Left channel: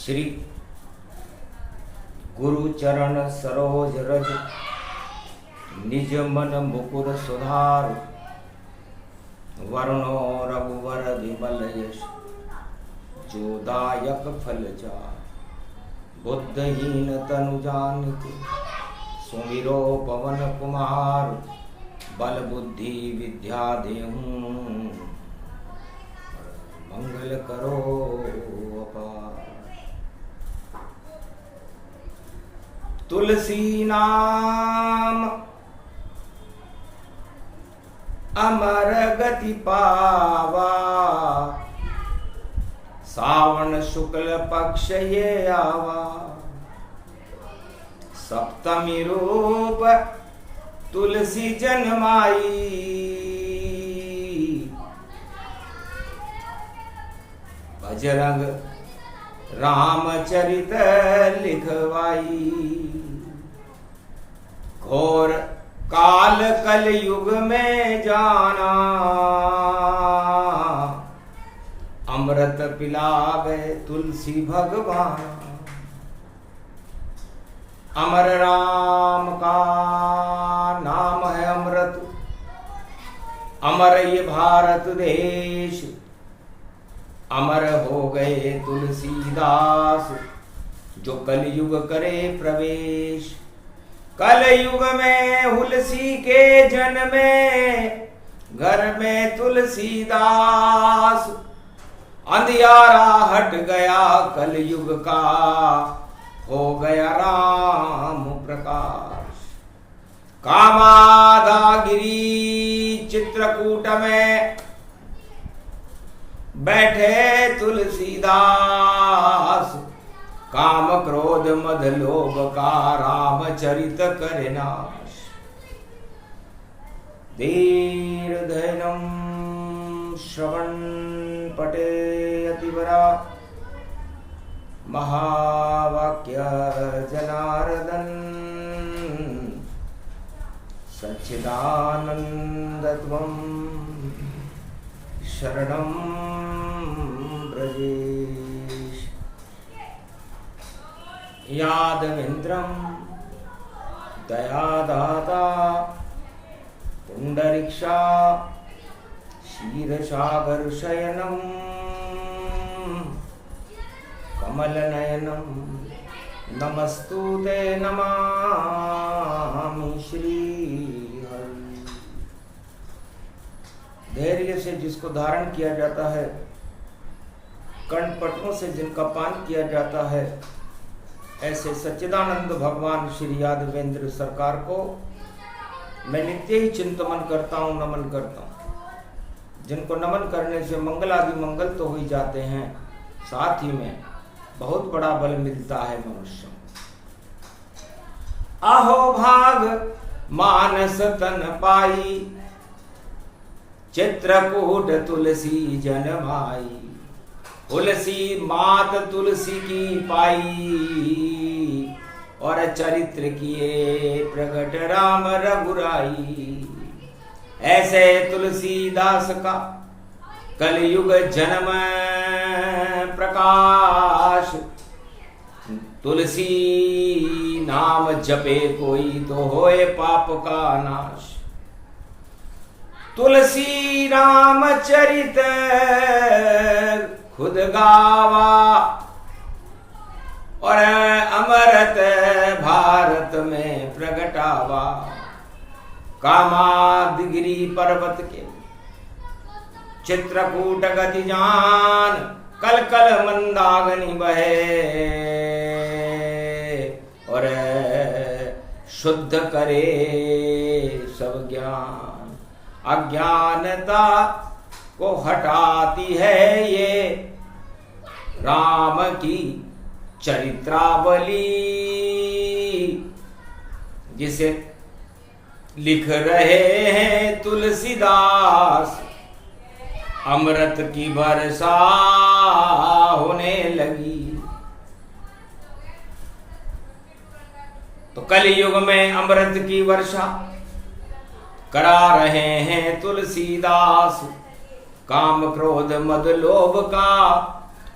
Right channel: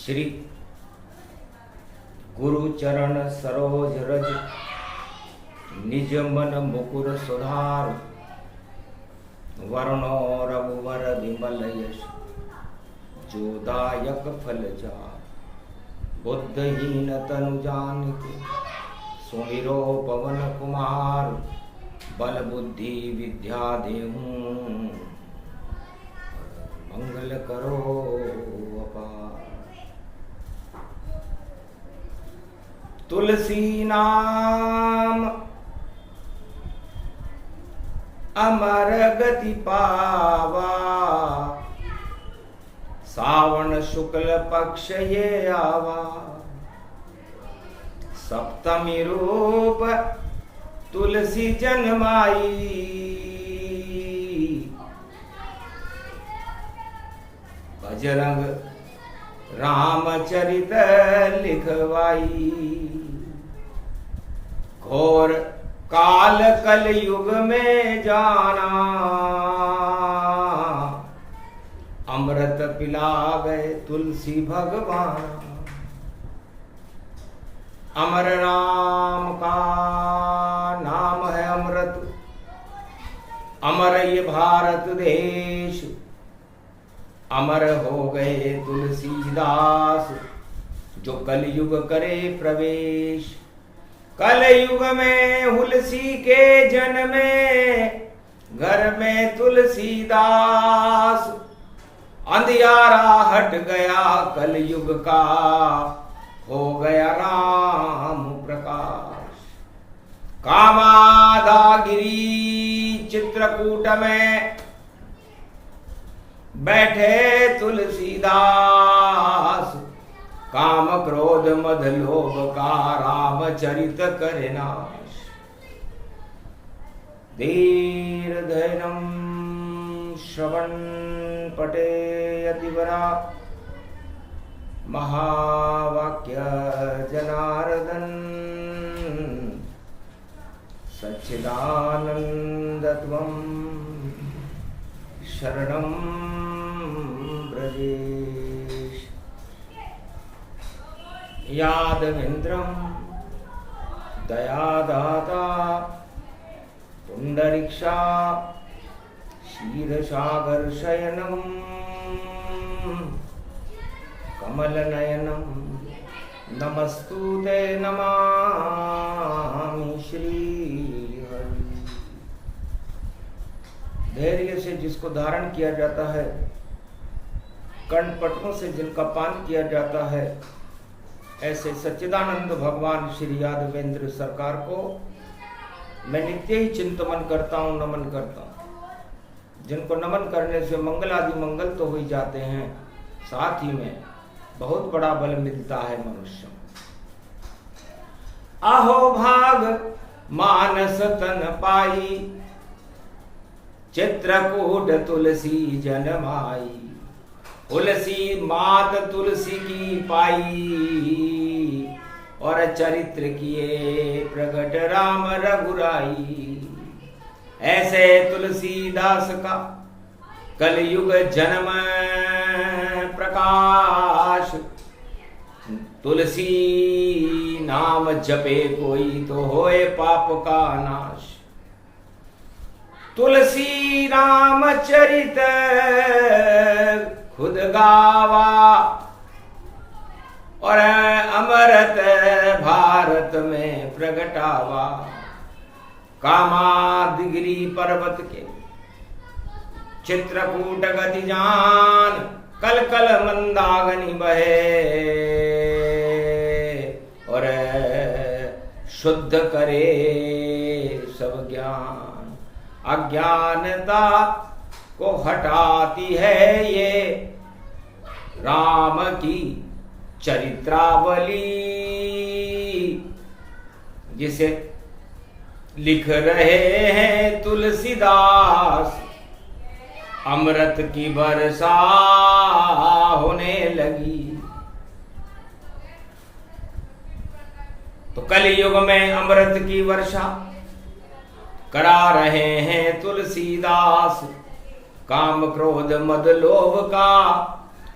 श्री गुरु चरण सरोज रज निज मन मुकुर सुधार वर्णो रघुवर विमल यश जो दायक फल जा बुद्धहीन तनु जानिके सुमिरो पवन कुमार बल बुद्धि विद्या देहूं मंगल करो अपार। तुलसी नाम अमर गति पावा सावन शुक्ल पक्ष ये आवा सप्तमी रूप तुलसी जन्माई बजरंग रामचरित लिखवाई घोर काल कल युग में जाना अमृत पिला गए तुलसी भगवान। अमर राम का नाम है अमृत अमर ये भारत देश अमर हो गए तुलसीदास जो कलयुग करे प्रवेश। कलयुग में हुलसी के जन्मे घर में तुलसीदास अंधियारा हट गया कलयुग का हो गया राम प्रकाश। कामाधागिरी चित्रकूट में बैठे तुलसीदास काम क्रोध मद लोभ का रामचरित करे नाश। धीर धैर्यं श्रवण पटे यतिवरा महावाक्य जनार्दन सच्चिदानंदत्वं शरणं ब्रजेश। यादवेन्द्रं दयादाता पुंडरीक्षा क्षीरसागर शयनं कमलनयनं नमस्तुते नमामि श्रीहरि। धैर्य से जिसको धारण किया जाता है कर्णपटों से जिनका पान किया जाता है ऐसे सच्चिदानंद भगवान श्री यादवेंद्र सरकार को मैं नित्य ही चिंतन करता हूँ, नमन करता हूँ। जिनको नमन करने से मंगल आदि मंगल तो हो ही जाते हैं, साथ ही में बहुत बड़ा बल मिलता है मनुष्य। आहो भाग मानस तन पाई चित्रकूट तुलसी जन्माई। तुलसी मात तुलसी की पाई और चरित्र किए प्रगट राम रघुराई। ऐसे तुलसीदास का कलयुग जन्म प्रकाश। तुलसी नाम जपे कोई तो होए पाप का नाश। तुलसी रामचरित खुद गावा और अमृत भारत में प्रगटावा। कामादिगिरी पर्वत के चित्रकूट गति जान कल कल मंदाग्नि बहे और शुद्ध करे सब ज्ञान। अज्ञानता को हटाती है ये राम की चरित्रावली जिसे लिख रहे हैं तुलसीदास। अमृत की वर्षा होने लगी तो कलयुग में अमृत की वर्षा करा रहे हैं तुलसीदास। काम क्रोध मद लोभ का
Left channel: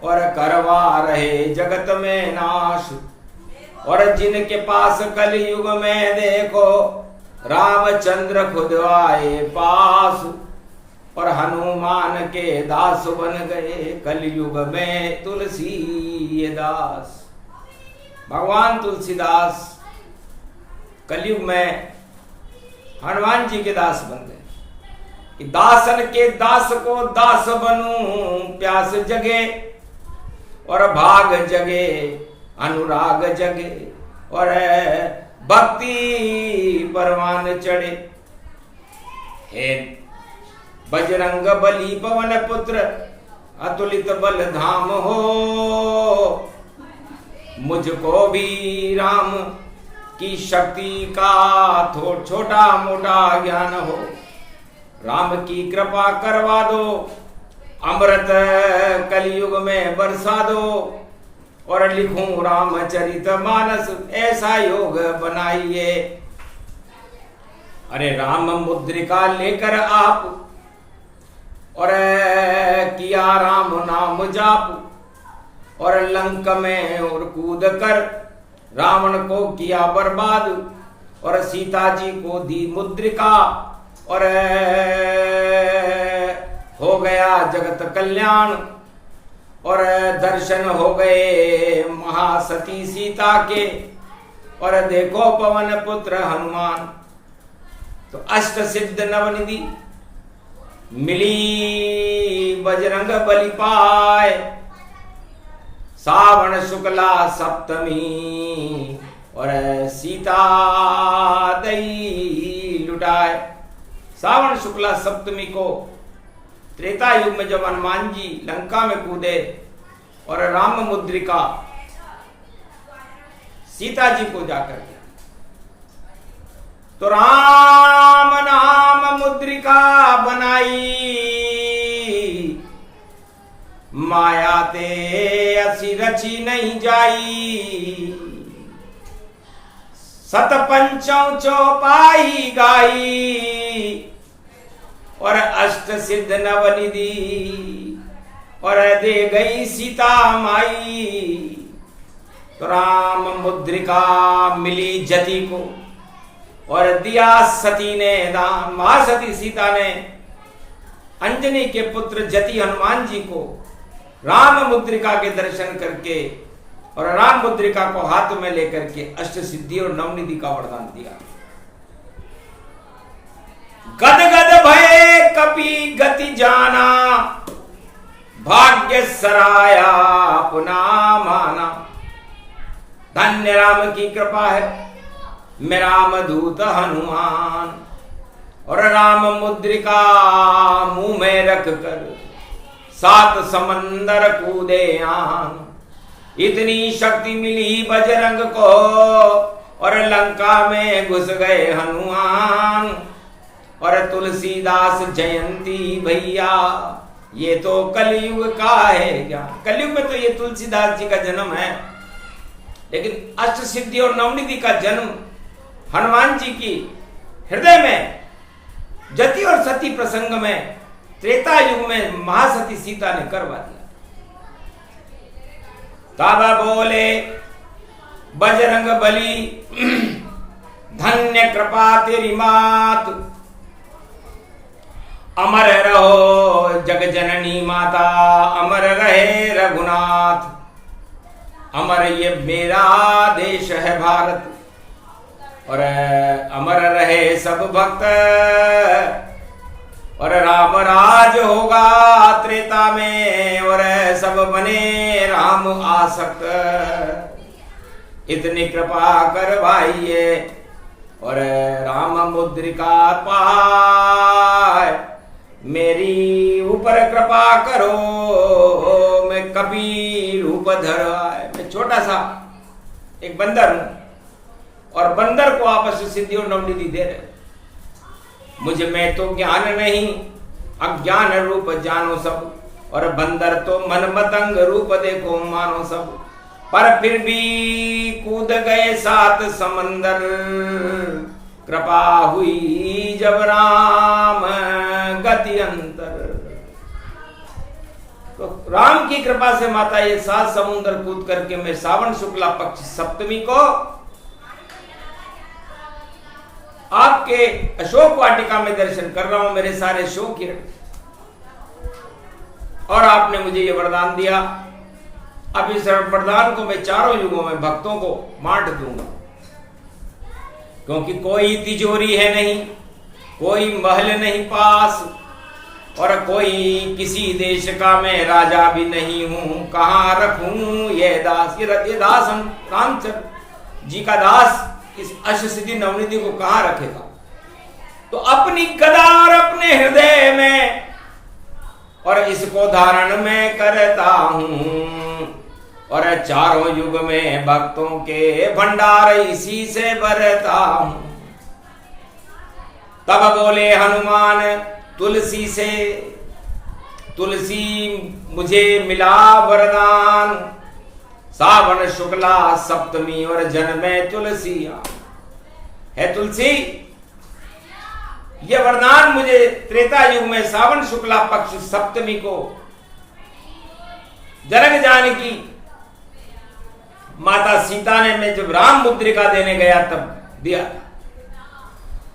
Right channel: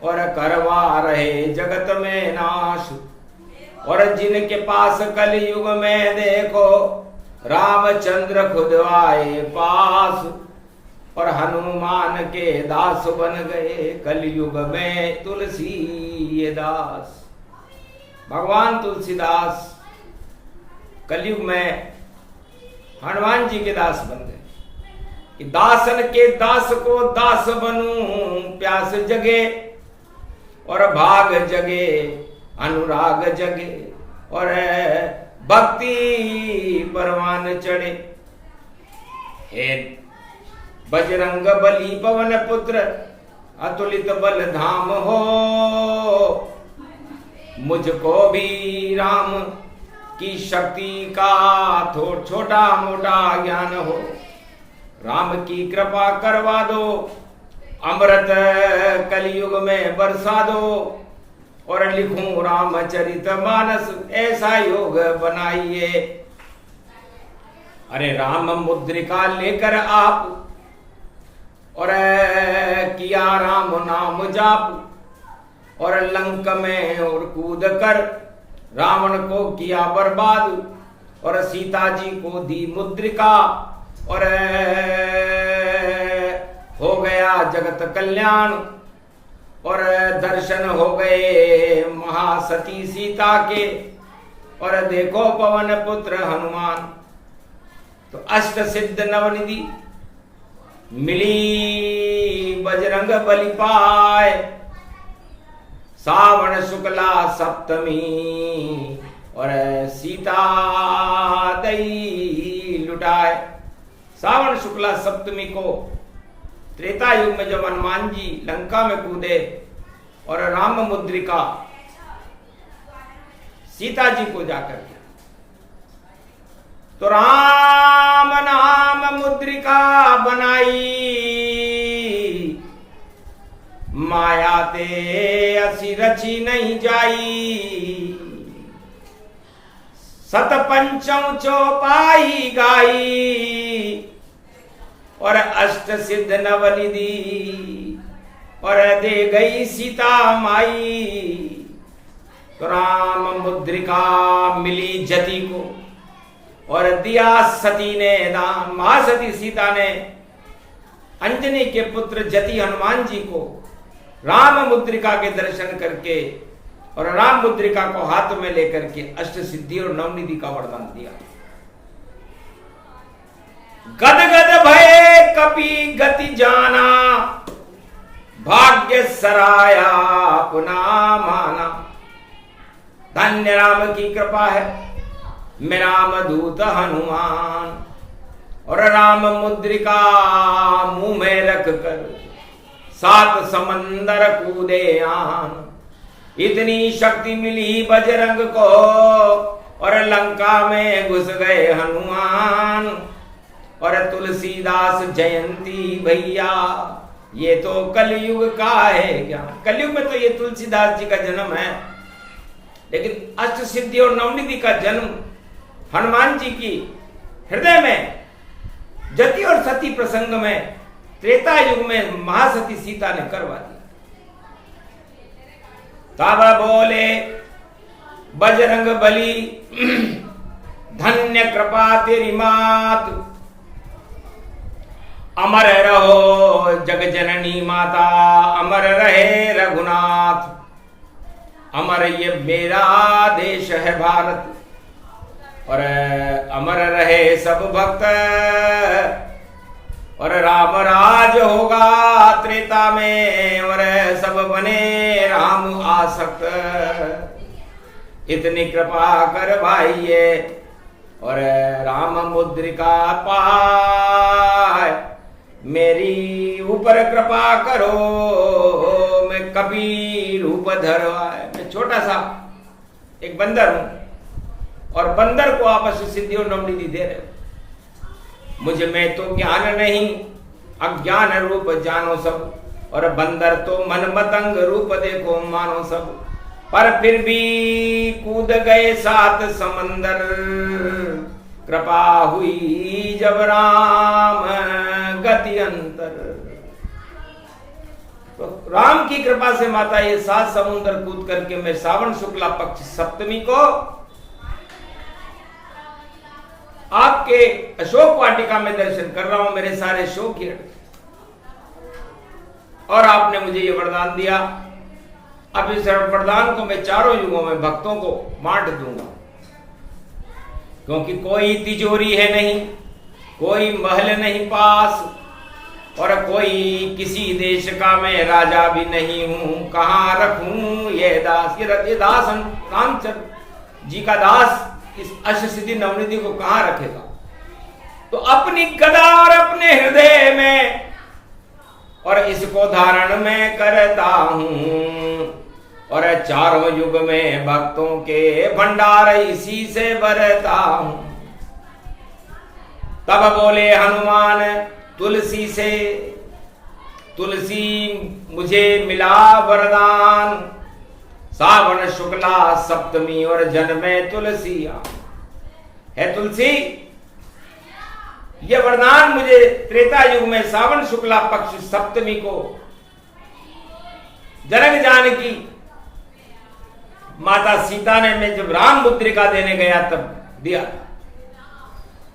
और करवा रहे जगत में नाश। और जिनके पास कलयुग में देखो रामचंद्र खुद आए पास। और हनुमान के दास बन गए कलयुग में तुलसी ये दास। भगवान तुलसीदास कलयुग में हनुमान जी के दास बन गए कि दासन के दास को दास बनूं, प्यास जगे और भाग जगे, अनुराग जगे और भक्ति परवान चढ़े। हे बजरंग बली पवन पुत्र अतुलित बल धाम हो, मुझको भी राम की शक्ति का छोटा मोटा ज्ञान हो। राम की कृपा करवा दो, अमृत कलयुग में बरसा दो और लिखूं रामचरित मानस ऐसा योग बनाइए। अरे राम मुद्रिका लेकर आप और किया राम नाम जाप और लंक में और कूद कर रावण को किया बर्बाद और सीता जी को दी मुद्रिका और हो गया जगत कल्याण और दर्शन हो गए महासती सीता के और देखो पवन पुत्र हनुमान। तो अष्ट सिद्ध नवनिधि मिली बजरंग बली पाए, सावन शुक्ला सप्तमी और सीता दई लुटाए। सावन शुक्ला सप्तमी को त्रेता युग में जब हनुमान जी लंका में कूदे और राम मुद्रिका सीता जी को जाकर के, तो राम नाम मुद्रिका बनाई, माया ते असी रची नहीं जाई। सत पंचों चौपाई गाई और अष्ट सिद्ध नवनिधि और दे गई सीता माई। तो राम मुद्रिका मिली जति को और दिया सती ने दान। महासती सीता ने अंजनी के पुत्र जति हनुमान जी को राम मुद्रिका के दर्शन करके और राम मुद्रिका को हाथ में लेकर के अष्ट सिद्धि और नवनिधि का वरदान दिया। गद गद भय कपि गति जाना, भाग्य सराया अपना माना। धन्य राम की कृपा है, मैं राम दूत हनुमान। और राम मुद्रिका मुंह में रख कर 7 समंदर कूदे आन। इतनी शक्ति मिली बजरंग को और लंका में घुस गए हनुमान। और तुलसीदास जयंती भैया, ये तो कलयुग का है ज्ञान। कलयुग में तो ये तुलसीदास जी का जन्म है, लेकिन अष्ट सिद्धि और नवनिधि का जन्म हनुमान जी की हृदय में जति और सती प्रसंग में त्रेता युग में महासती सीता ने करवा दिया। ताबा बोले बजरंग बली, धन्य कृपा तेरी मात। अमर रहो जग जननी माता, अमर रहे रघुनाथ। अमर ये मेरा देश है भारत और अमर रहे सब भक्त। और राम राज होगा त्रेता में और सब बने राम आसक्त। इतनी कृपा करवाइए और राम मुद्रिका पाए। मेरी ऊपर कृपा करो, मैं कपि रूप धर आए। मैं छोटा सा एक बंदर हूं और बंदर को आपस में सिद्धि और नवनिधि दे रहे हो। मुझ में तो ज्ञान नहीं, अज्ञान रूप जानो सब। और बंदर तो मन मतंग रूप देखो मानो सब। पर फिर भी कूद गए 7 समंदर, कृपा हुई जब राम गति अंतर। तो राम की कृपा से माता ये 7 समुद्र कूद करके मैं सावन शुक्ला पक्ष सप्तमी को आपके अशोक वाटिका में दर्शन कर रहा हूं। मेरे सारे शोक ही हट गए और आपने मुझे ये वरदान दिया। अब इस वरदान को मैं चारों युगों में भक्तों को बांट दूंगा, क्योंकि कोई तिजोरी है नहीं, कोई महल नहीं पास, और कोई किसी देश का मैं राजा भी नहीं हूं। कहां रखूं ये दास, ये दास रामचंद्र जी का दास इस अष्टसिद्धि नवनिधि को कहां रखेगा? तो अपनी गदा और अपने हृदय में और इसको धारण मैं करता हूं, और चारों युग में भक्तों के भंडार इसी से भरता हूं। तब बोले हनुमान तुलसी से, तुलसी मुझे मिला वरदान, सावन शुक्ला सप्तमी और जन्मे तुलसी है। तुलसी यह वरदान मुझे त्रेता युग में सावन शुक्ला पक्ष सप्तमी को जनक जानकी माता सीता ने मैं जब राम मुद्रिका देने गया तब दिया था।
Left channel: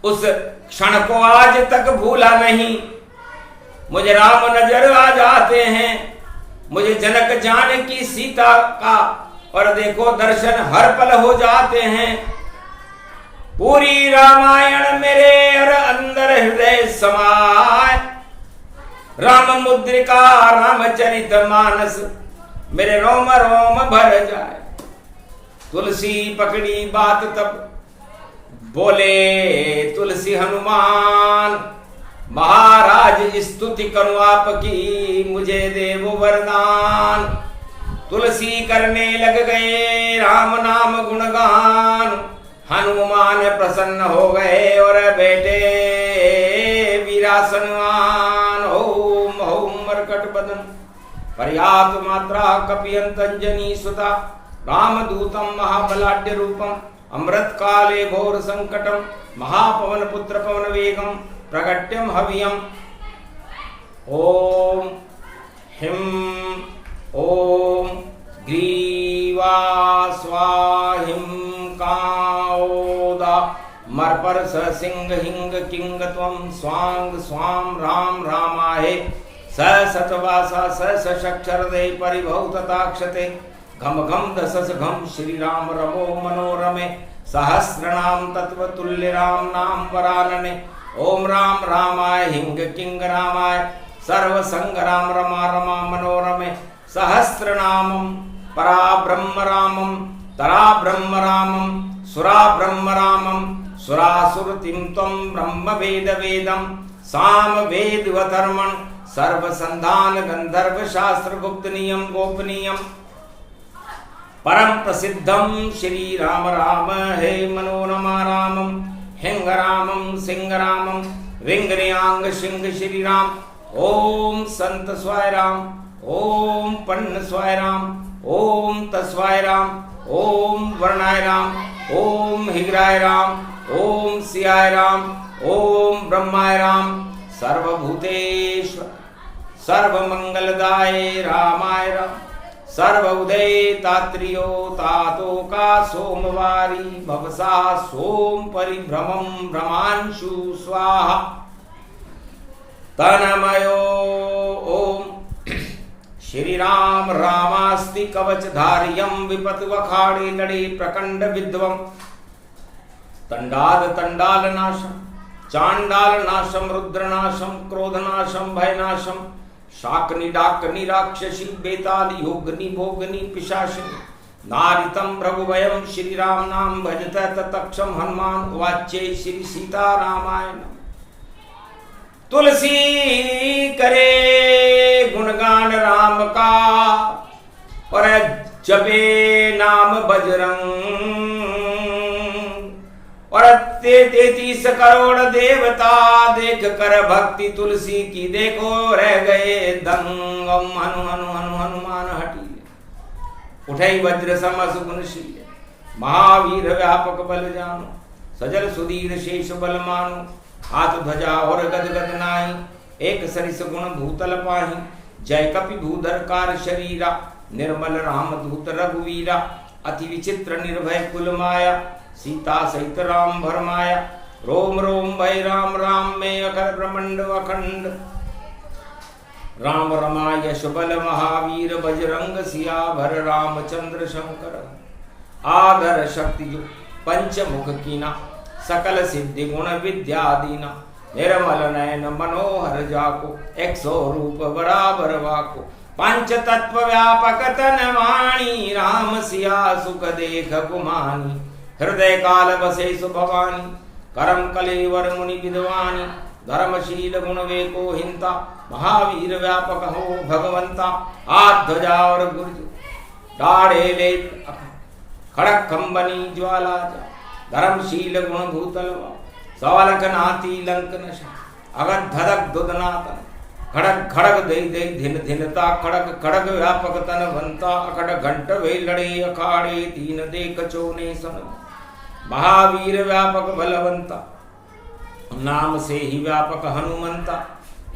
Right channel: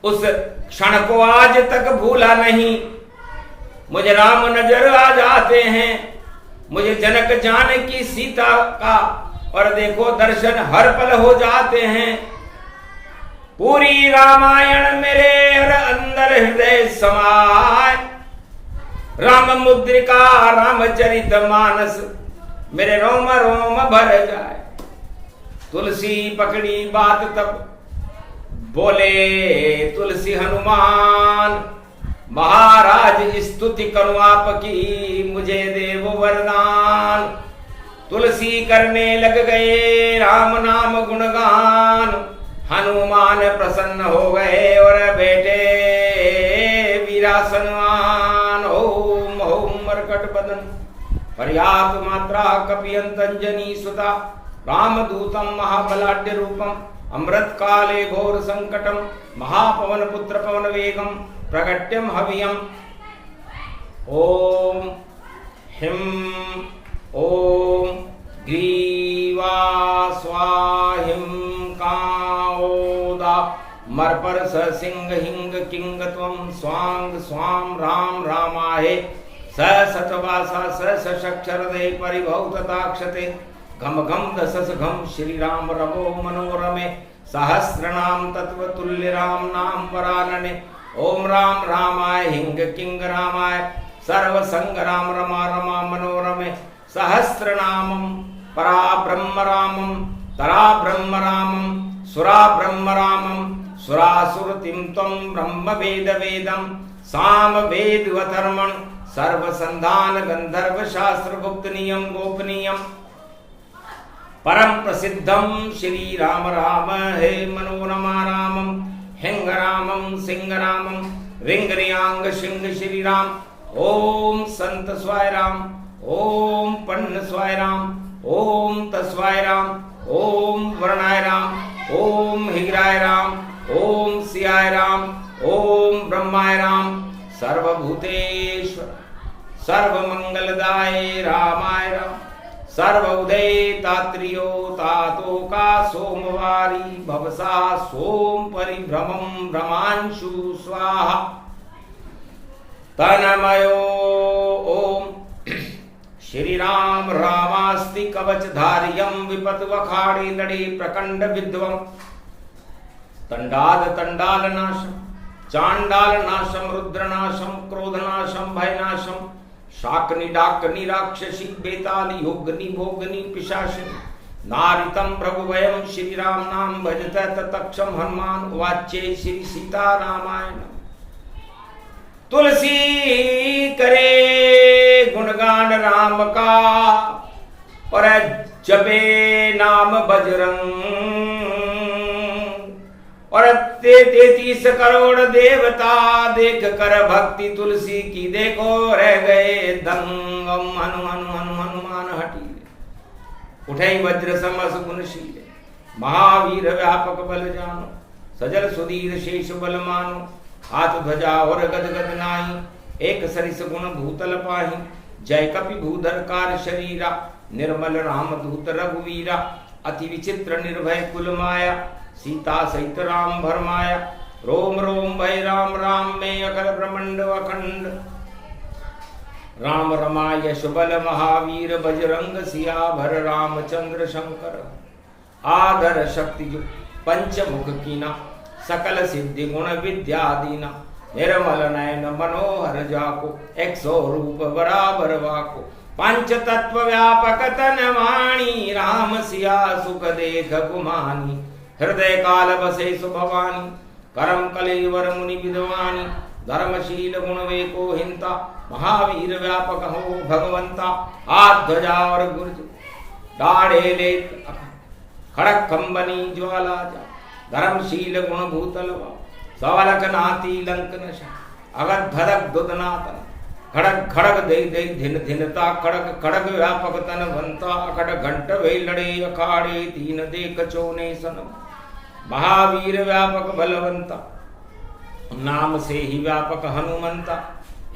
उस क्षण को आज तक भूला नहीं, मुझे राम नजर आ जाते हैं, मुझे जनक जानकी सीता का और देखो दर्शन हर पल हो जाते हैं। पूरी रामायण मेरे और अंदर हृदय समाय, राम मुद्रिका रामचरित मानस मेरे रोम रोम भर जाए। तुलसी पकड़ी बात तब बोले तुलसी हनुमान, महाराज स्तुति करूं आपकी मुझे देव वरदान। तुलसी करने लग गए राम नाम गुणगान, हनुमान प्रसन्न हो गए और बैठे वीरासनवान। ओम ओम मरकट बदन पर्याप्त मात्रा कपियंत अंजनी सुता, रामदूतम महाबलाढ्य रूपम, अमृत काले घोर संकटम, महापवन पुत्र पवन वेगम, प्रगट्यम हवियम। ओम हिम ओम ग्रीवा स्वाहिम काओदा मरपर स सिंह हिंग किंग त्वं स्वांग स्वाम राम रामाहे स सतवासा स सक्षरदे परिभौ तथाक्षते घम घम दसस घम श्री राम रमो मनोरमे सहस्रनाम तत्व तुल्य राम नाम वरानने। ओम राम रामाय हिंग किंग रामाय सर्व संग राम रमा रमा मनोरमे सहस्रनामम परा ब्रह्म रामम तरा ब्रह्म रामम सुरा ब्रह्म रामम सुरासुरतिम त्वं ब्रह्म वेद वेदम साम वेदवधर्मण सर्व संधान गंधर्व शास्त्र गुप्त नियम गोपनीयम। परम प्रसिद्धम श्री राम राम हे मनोरमा रामम हिंग रामम सिंह रामम रिंग रियांग सिंह श्री राम। ओम संत स्वाय राम, ओम पन्न स्वाय राम, ओम तस्वाय राम, ओम वर्णाय राम, ओम हिगराय राम, ओम सियाय राम, ओम ब्रह्माय राम, सर्वभूतेश्वर सर्वमंगलदाय रामाय राम। सर्व उदय तात्रियो तातो का सोमवारी भवसा सोम परिभ्रमं भ्रमांशु स्वाहा तनमयो। ओम श्री राम रामास्ति कवच धारियम विपत वखाड़ी लड़ी प्रकंड विद्वम तंडाद तंडाल नाशम चांडाल नाशम रुद्र नाशम क्रोध नाशम भय नाशम शाकनी डाकनी राक्षसी बेताली योगनी भोगनी पिशाचिनी नारितम प्रभुभयम श्री राम नाम भजत तत्क्षम हनुमान वाच्य श्री सीता रामायण। तुलसी करे गुणगान राम का और जपे नाम बजरंग और 33 करोड़ देवता देख कर भक्ति तुलसी की देखो रह गए दंग। हनु हनु हनु हनुमान हटीले उठे वज्र समस गुणशीले महावीर व्यापक बल जानो सजल सुधीर शेष बल मानो हाथ ध्वजा और गद गद नाई एक सरिस गुण भूतल पाही जय कपि भूधरकार शरीरा, निर्मल राम दूत रघुवीरा, अति विचित्र निर्भय कुल माया, सीता सहित राम भरमाया, रोम रोम भय राम राम में अखिल ब्रह्मांड अखंड, राम रमा यश बल महावीर, बजरंग सियावर रामचंद्र शंकर, आदर शक्ति जो पंचमुख कीना, सकल सिद्धि गुण विद्या दीना, निर्मल नयन मनोहर जाको, 100 रूप बराबर वाको, पंच तत्व व्यापक तन वाणी, राम सिया सुख देख गुमानी, हृदय काल बसे सुभवानी, करम कलेवर मुनि विद्वानी, धर्मशील गुण वेको हिंता, महावीर व्यापक हो भगवंता, हाथ ध्वजा और गुर्ज डाढ़े ले खड़क खंबनी ज्वाला जा, धर्मशील गुण भूतलवा, सवलक नाती लंक नशा, अगध धड़क दुदनातन, खड़क खड़क दई दई धिन धिनता, खड़क खड़क व्यापक तन बनता, अखड़ घंट वे लड़े अखाड़े, तीन दे कचोने सन, महावीर व्यापक बलवंता, नाम से ही व्यापक हनुमंता,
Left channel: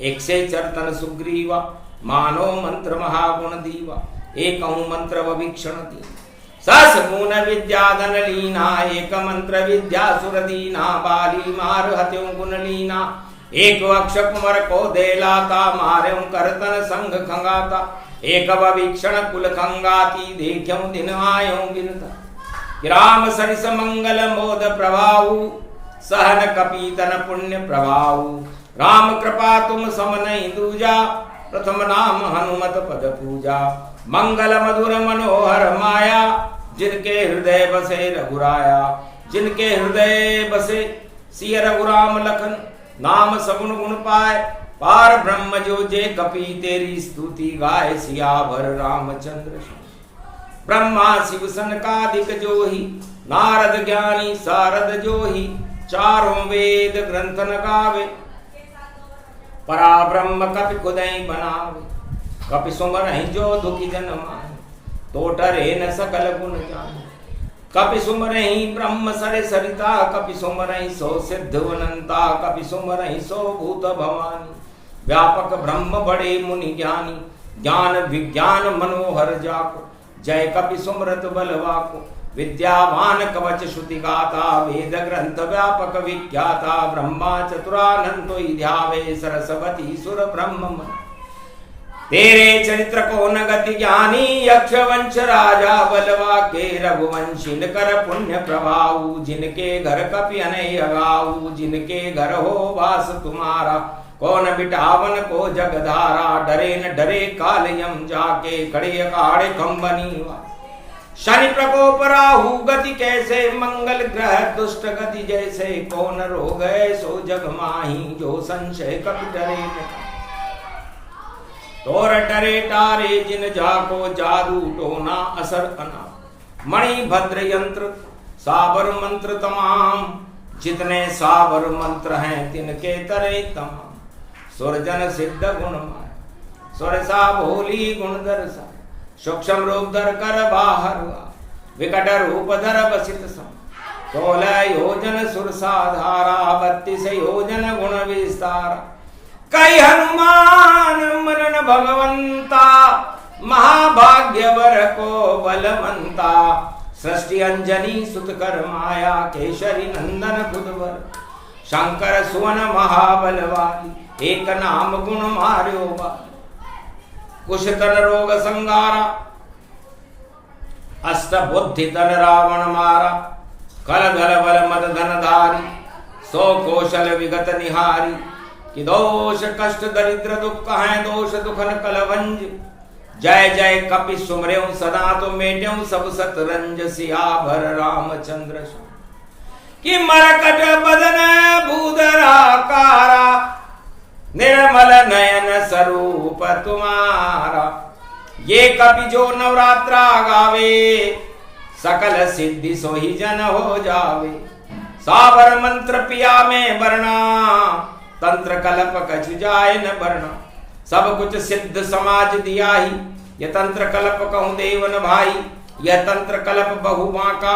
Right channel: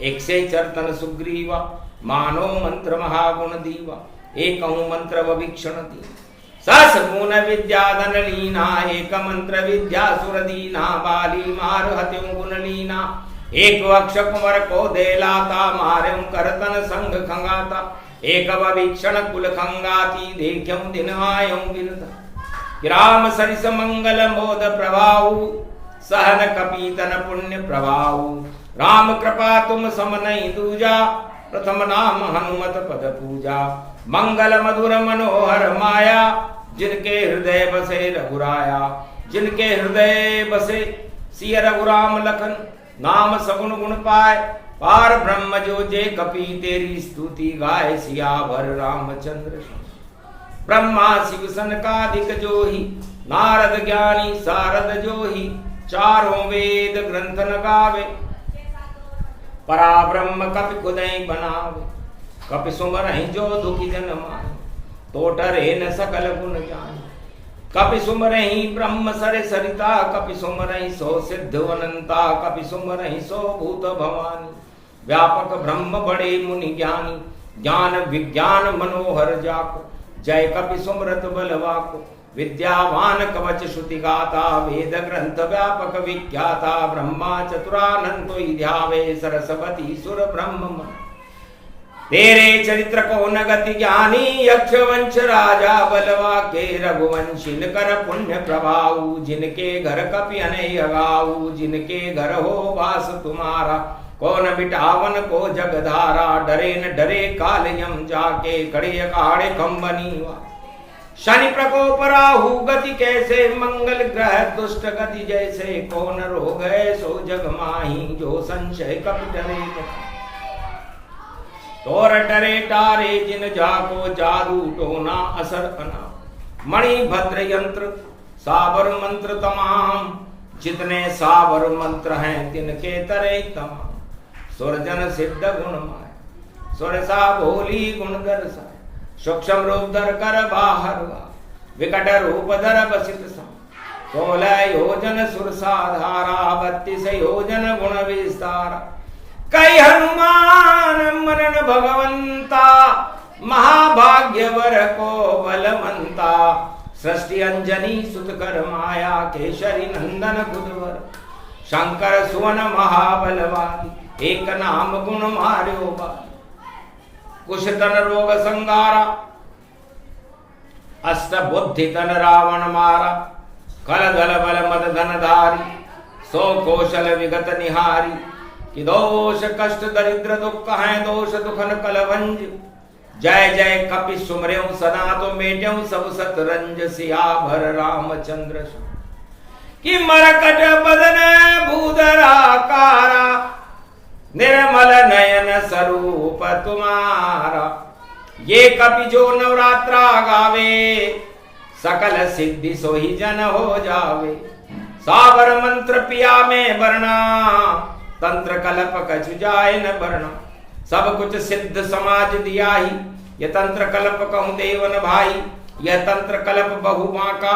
100 चरतन सुग्रीवा, मानो मंत्र महागुण दीवा, एक मंत्र वभीक्षण दी, सस गुण विद्या धन लीना, एक मंत्र विद्या सुर दीना, बाली मार हत्यों गुण लीना, एक वक्ष कुमर को दे लाता, मार्यों करतन संग खंगाता, एक वभीक्षण कुल खंगाती, देख्यों दिन आयों बिनता, राम सरिस मंगल मोद प्रभाऊ, सहन कपीतन पुण्य प्रभाऊ, राम कृपा तुम सम नहीं दूजा, प्रथम नाम हनुमत पद पूजा, मंगल मधुर मनोहर माया, जिनके हृदय बसे रघुराया, जिनके हृदय बसे सिय रघुराम लखन, नाम सगुण गुण पाए, पार ब्रह्म जो जे कपी, तेरी स्तुति गाय सियावर रामचंद्र, ब्रह्मा शिव सनकादिक जोही, नारद ज्ञानी सारद जोही, चारों वेद ग्रंथ न गावे, परा ब्रह्म कपि खुदई बनावे, कपि सुमरहि जो दुखी जन माहि, तो डरे न सकल गुण जाहि, कपि सुमरहि ब्रह्म सरे सरिता, कपि सुमरहि सो सिद्ध वनंता, कपि सुमरहि सो भूत भवानी, व्यापक ब्रह्म बड़े मुनि ज्ञानी, ज्ञान विज्ञान मनोहर जाको, जय कपि सुमरत बलवाको, विद्यावान कवच श्रुति गाता, वेद ग्रंथ व्यापक विख्याता, ब्रह्मा चतुरानंतो ध्यावे, सरस्वती सुर ब्रह्म मन, तेरे चरित्र को न गति ज्ञानी, यक्ष वंश राजा बलवा के, रघुवंशी कर पुण्य प्रभाऊ, जिनके घर कपि अनय गाऊ, जिनके घर हो वास तुम्हारा, कौन बिटावन को जगधारा, डरे न डरे काल यम जाके, खड़े अखाड़े खंबनी वा, शनि प्रकोप राहु गति कैसे, मंगल ग्रह दुष्ट गति जैसे, कौन रोग है सो जग माही, जो संशय कपि डरे न, तोर डरे टारे जिन जाको, जादू टोना असर अना, मणि भद्र यंत्र साबर मंत्र तमाम, जितने साबर मंत्र हैं तिनके तरे तमाम, सुरजन सिद्ध गुण माया, सुरसा भोली गुण दर्शाय, सूक्ष्म रूप धर कर बाहर हुआ, विकट रूप धर बसित सम, 16 योजन सुरसा धारा, 32 योजन गुण विस्तारा, कई हनुमान मनन भगवंता, महाभाग्यवर को बलवंता, सृष्टि अंजनी सुत कर माया, केशरी नंदन खुदवर, शंकर सुवन महाबल वाली, एक नाम गुण मार्यो बाली, कुश तन रोग संगारा, अष्ट बुद्धि तन रावण मारा, कल दल बल मद धन धारी, 100 कौशल विगत निहारी, कि दोष कष्ट दरिद्र दुख हैं, दोष दुखन कलवंज, जय जय कपि सुमर्यों सदा, तो मेट्यों सब सतरंज, सियावर रामचंद्र, कि मरकट बदन भूधराकारा, निर्मल नयन स्वरूप तुम्हारा, ये कपि जो नवरात्रा गावे, सकल सिद्धि सोही जन हो जावे, साबर मंत्र पिया में वर्णा, तंत्र कल्प कछु जाय न वर्णा, सब कुछ सिद्ध समाज दिया ही, यह तंत्र कल्प कहूँ देवन भाई, यह तंत्र कल्प बहु बांका,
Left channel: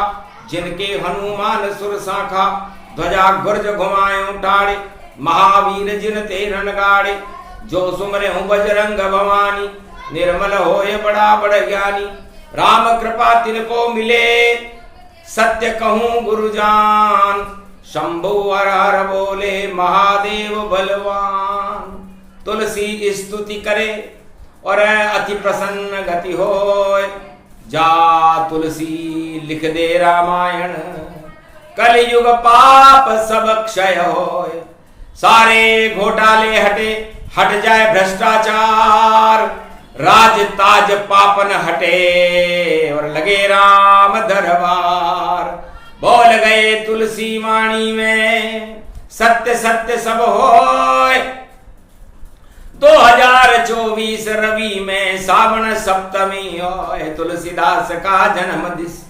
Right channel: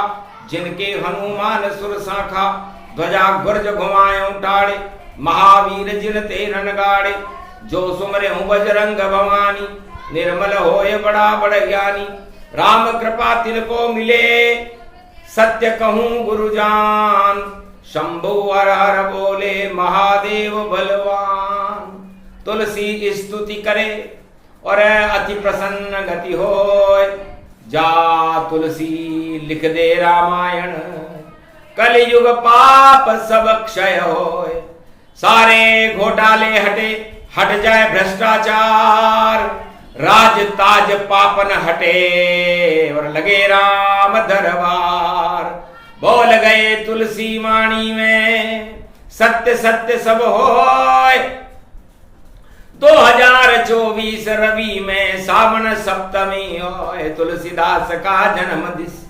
जिनके हनुमान सुर शाखा, ध्वजा गुर्ज घुमायों टाड़े, महावीर जिन ते रण गाड़े, जो सुमरे हूँ बजरंग भवानी, निर्मल होए बड़ा बड़ ज्ञानी। राम कृपा तिनको मिले, सत्य कहूँ गुरु जान। शंभु हर हर बोले, महादेव बलवान। तुलसी स्तुति करे और अति प्रसन्न गति होय। जा तुलसी लिख दे रामायण, कलयुग पाप सब क्षय होय। सारे घोटाले हटे, हट जाए भ्रष्टाचार। राज ताज पापन हटे और लगे राम दरबार। बोल गए तुलसी वाणी में, सत्य सत्य सब होय। 2024 रवि में सावन सप्तमी होय। तुलसीदास का जन्म दिस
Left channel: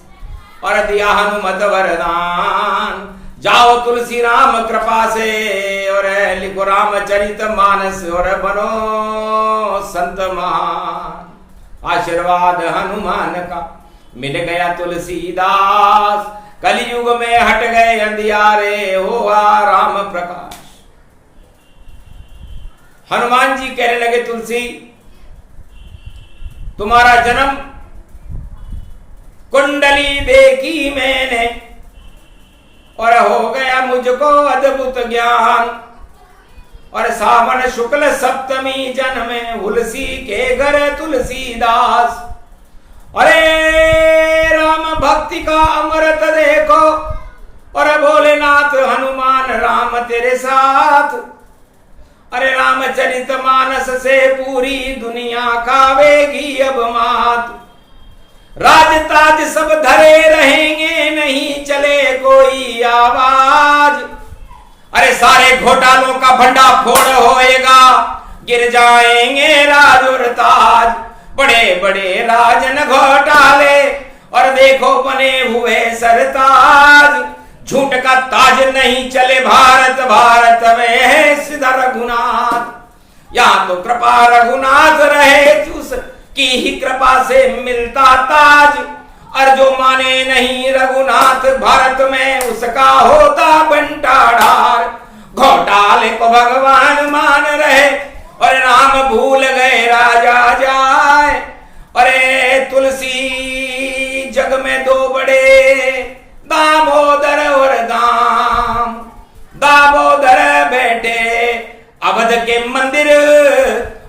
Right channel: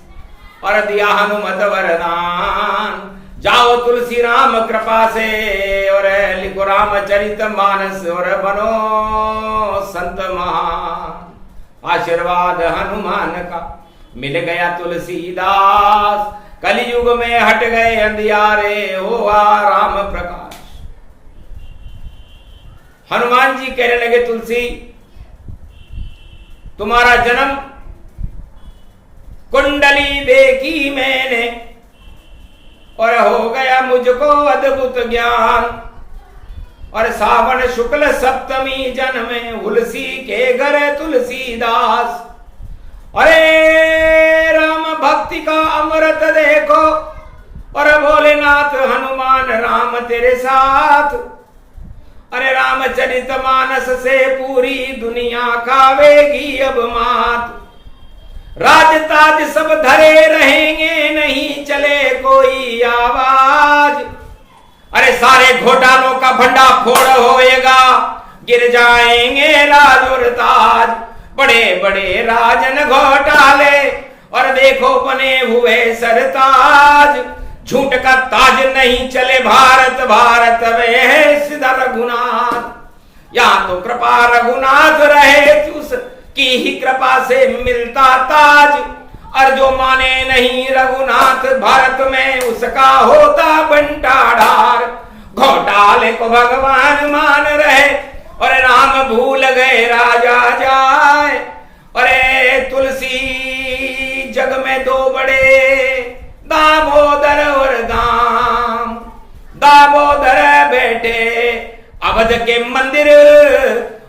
और दिया हनुमत वरदान। जाओ तुलसी राम कृपा से और लिखो रामचरित मानस और बनो संत महान। आशीर्वाद हनुमान का मिल गया तुलसीदास। कलयुग में हट गए अंधियारे, हुआ राम प्रकाश। हनुमान जी कहने लगे, तुलसी तुम्हारा जन्म कुंडली देखी मैंने और हो गया मुझको अद्भुत ज्ञान। और सावन शुक्ल सप्तमी जन्मे तुलसी के घर तुलसीदास। अरे राम भक्ति का अमृत देखो और भोलेनाथ हनुमान राम तेरे साथ। अरे रामचरित मानस से पूरी दुनिया खावेगी अब मात। राज ताज सब धरे रहेंगे, नहीं चले कोई आवाज। अरे सारे घोटालों का भंडा फोड़ होएगा, गिर जाएंगे राज और ताज। बड़े बड़े राजन घोटाले और देखो बने हुए सरताज। झूठ का ताज नहीं चले भारत, भारत में है सीधा रघुनाथ। यहां तो कृपा रघुनाथ रहे, उस की ही कृपा से मिलता ताज। और जो माने नहीं रघुनाथ भारत में, उसका होता बंटाढार। घोटाले को भगवान मान रहे और राम भूल गए राजा जाए। अरे तुलसी जग में दो बड़े, दामोदर और दाम। दामोदर बैठे अवध के मंदिर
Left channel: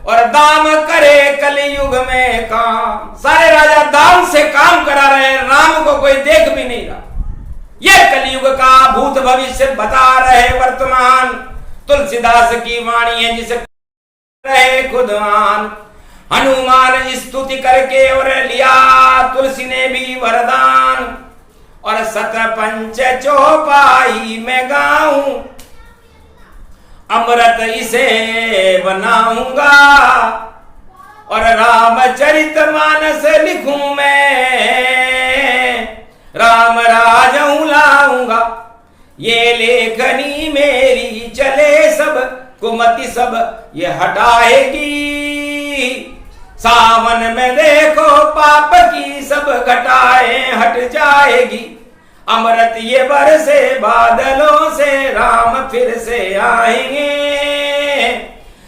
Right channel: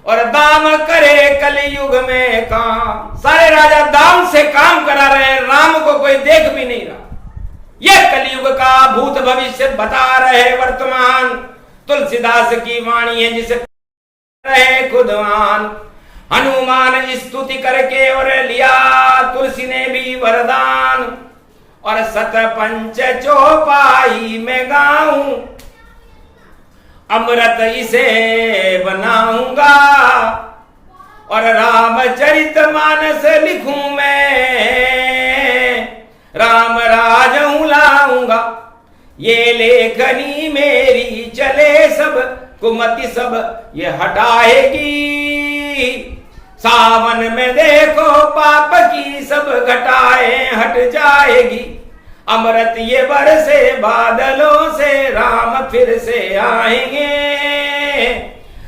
और दाम करे कलयुग में काम। सारे राजा दाम से काम करा रहे हैं, राम को कोई देख भी नहीं रहा। यह कलयुग का भूत भविष्य बता रहे वर्तमान। तुलसीदास की वाणी है जिसे रहे खुदवान। हनुमान स्तुति करके और लिया तुलसी ने भी वरदान। और सत पंच चौपाई में गाऊं, अमृत इसे बनाऊंगा। और रामचरित मानस लिखूं मैं, राम राज लाऊंगा। ये लेखनी मेरी चले सब कुमति सब ये हटाएगी। सावन में देखो पाप की सब घटाएं हट जाएगी। अमृत ये बरसे बादलों से, राम फिर से आएंगे।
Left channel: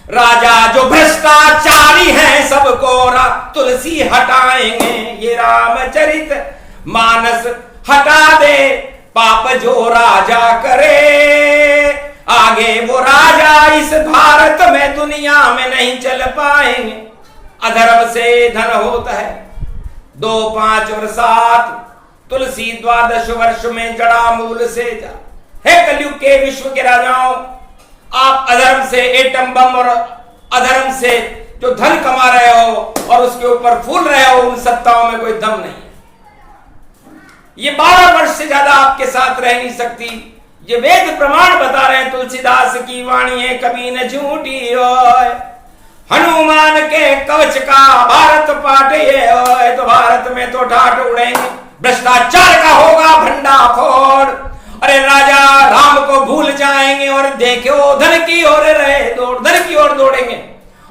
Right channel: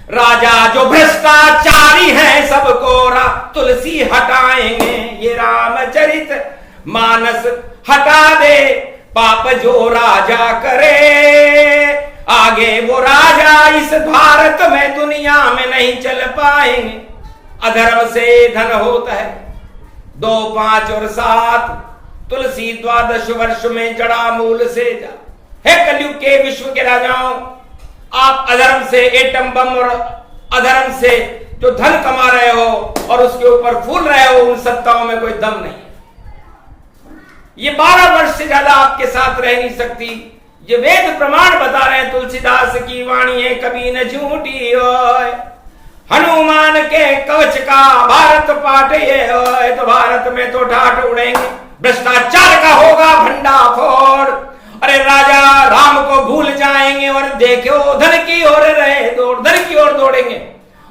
राजा जो भ्रष्टाचारी हैं सबको तुलसी हटाएंगे। ये रामचरित मानस हटा दे पाप जो राजा करे। आगे वो राजा इस भारत में दुनिया में नहीं चल पाएंगे। अधर्म से धन होता है 2, 5 और 7। तुलसी 12 वर्ष में जड़ा मूल से जा। हे कलयुग के विश्व के राजाओं, आप अधर्म से एटम बम और अधर्म से जो धन कमा रहे हो और उसके ऊपर फूल रहे हो, उन सत्ताओं में कोई दम नहीं है। ये 12 वर्ष से ज्यादा आपके साथ रह नहीं सकती। ये वेद प्रमाण बता रहे हैं, तुलसीदास की वाणी है कभी न झूठी होय। हनुमान के कवच का भारत पाठ ये होय, तो भारत में तो ठाठ उड़ेंगे। भ्रष्टाचार का होगा भंडा फोड़। अरे राजा राम को भूल जाएंगे और देखो धन की ओर रहे दौड़, धन की ओर दौड़ेंगे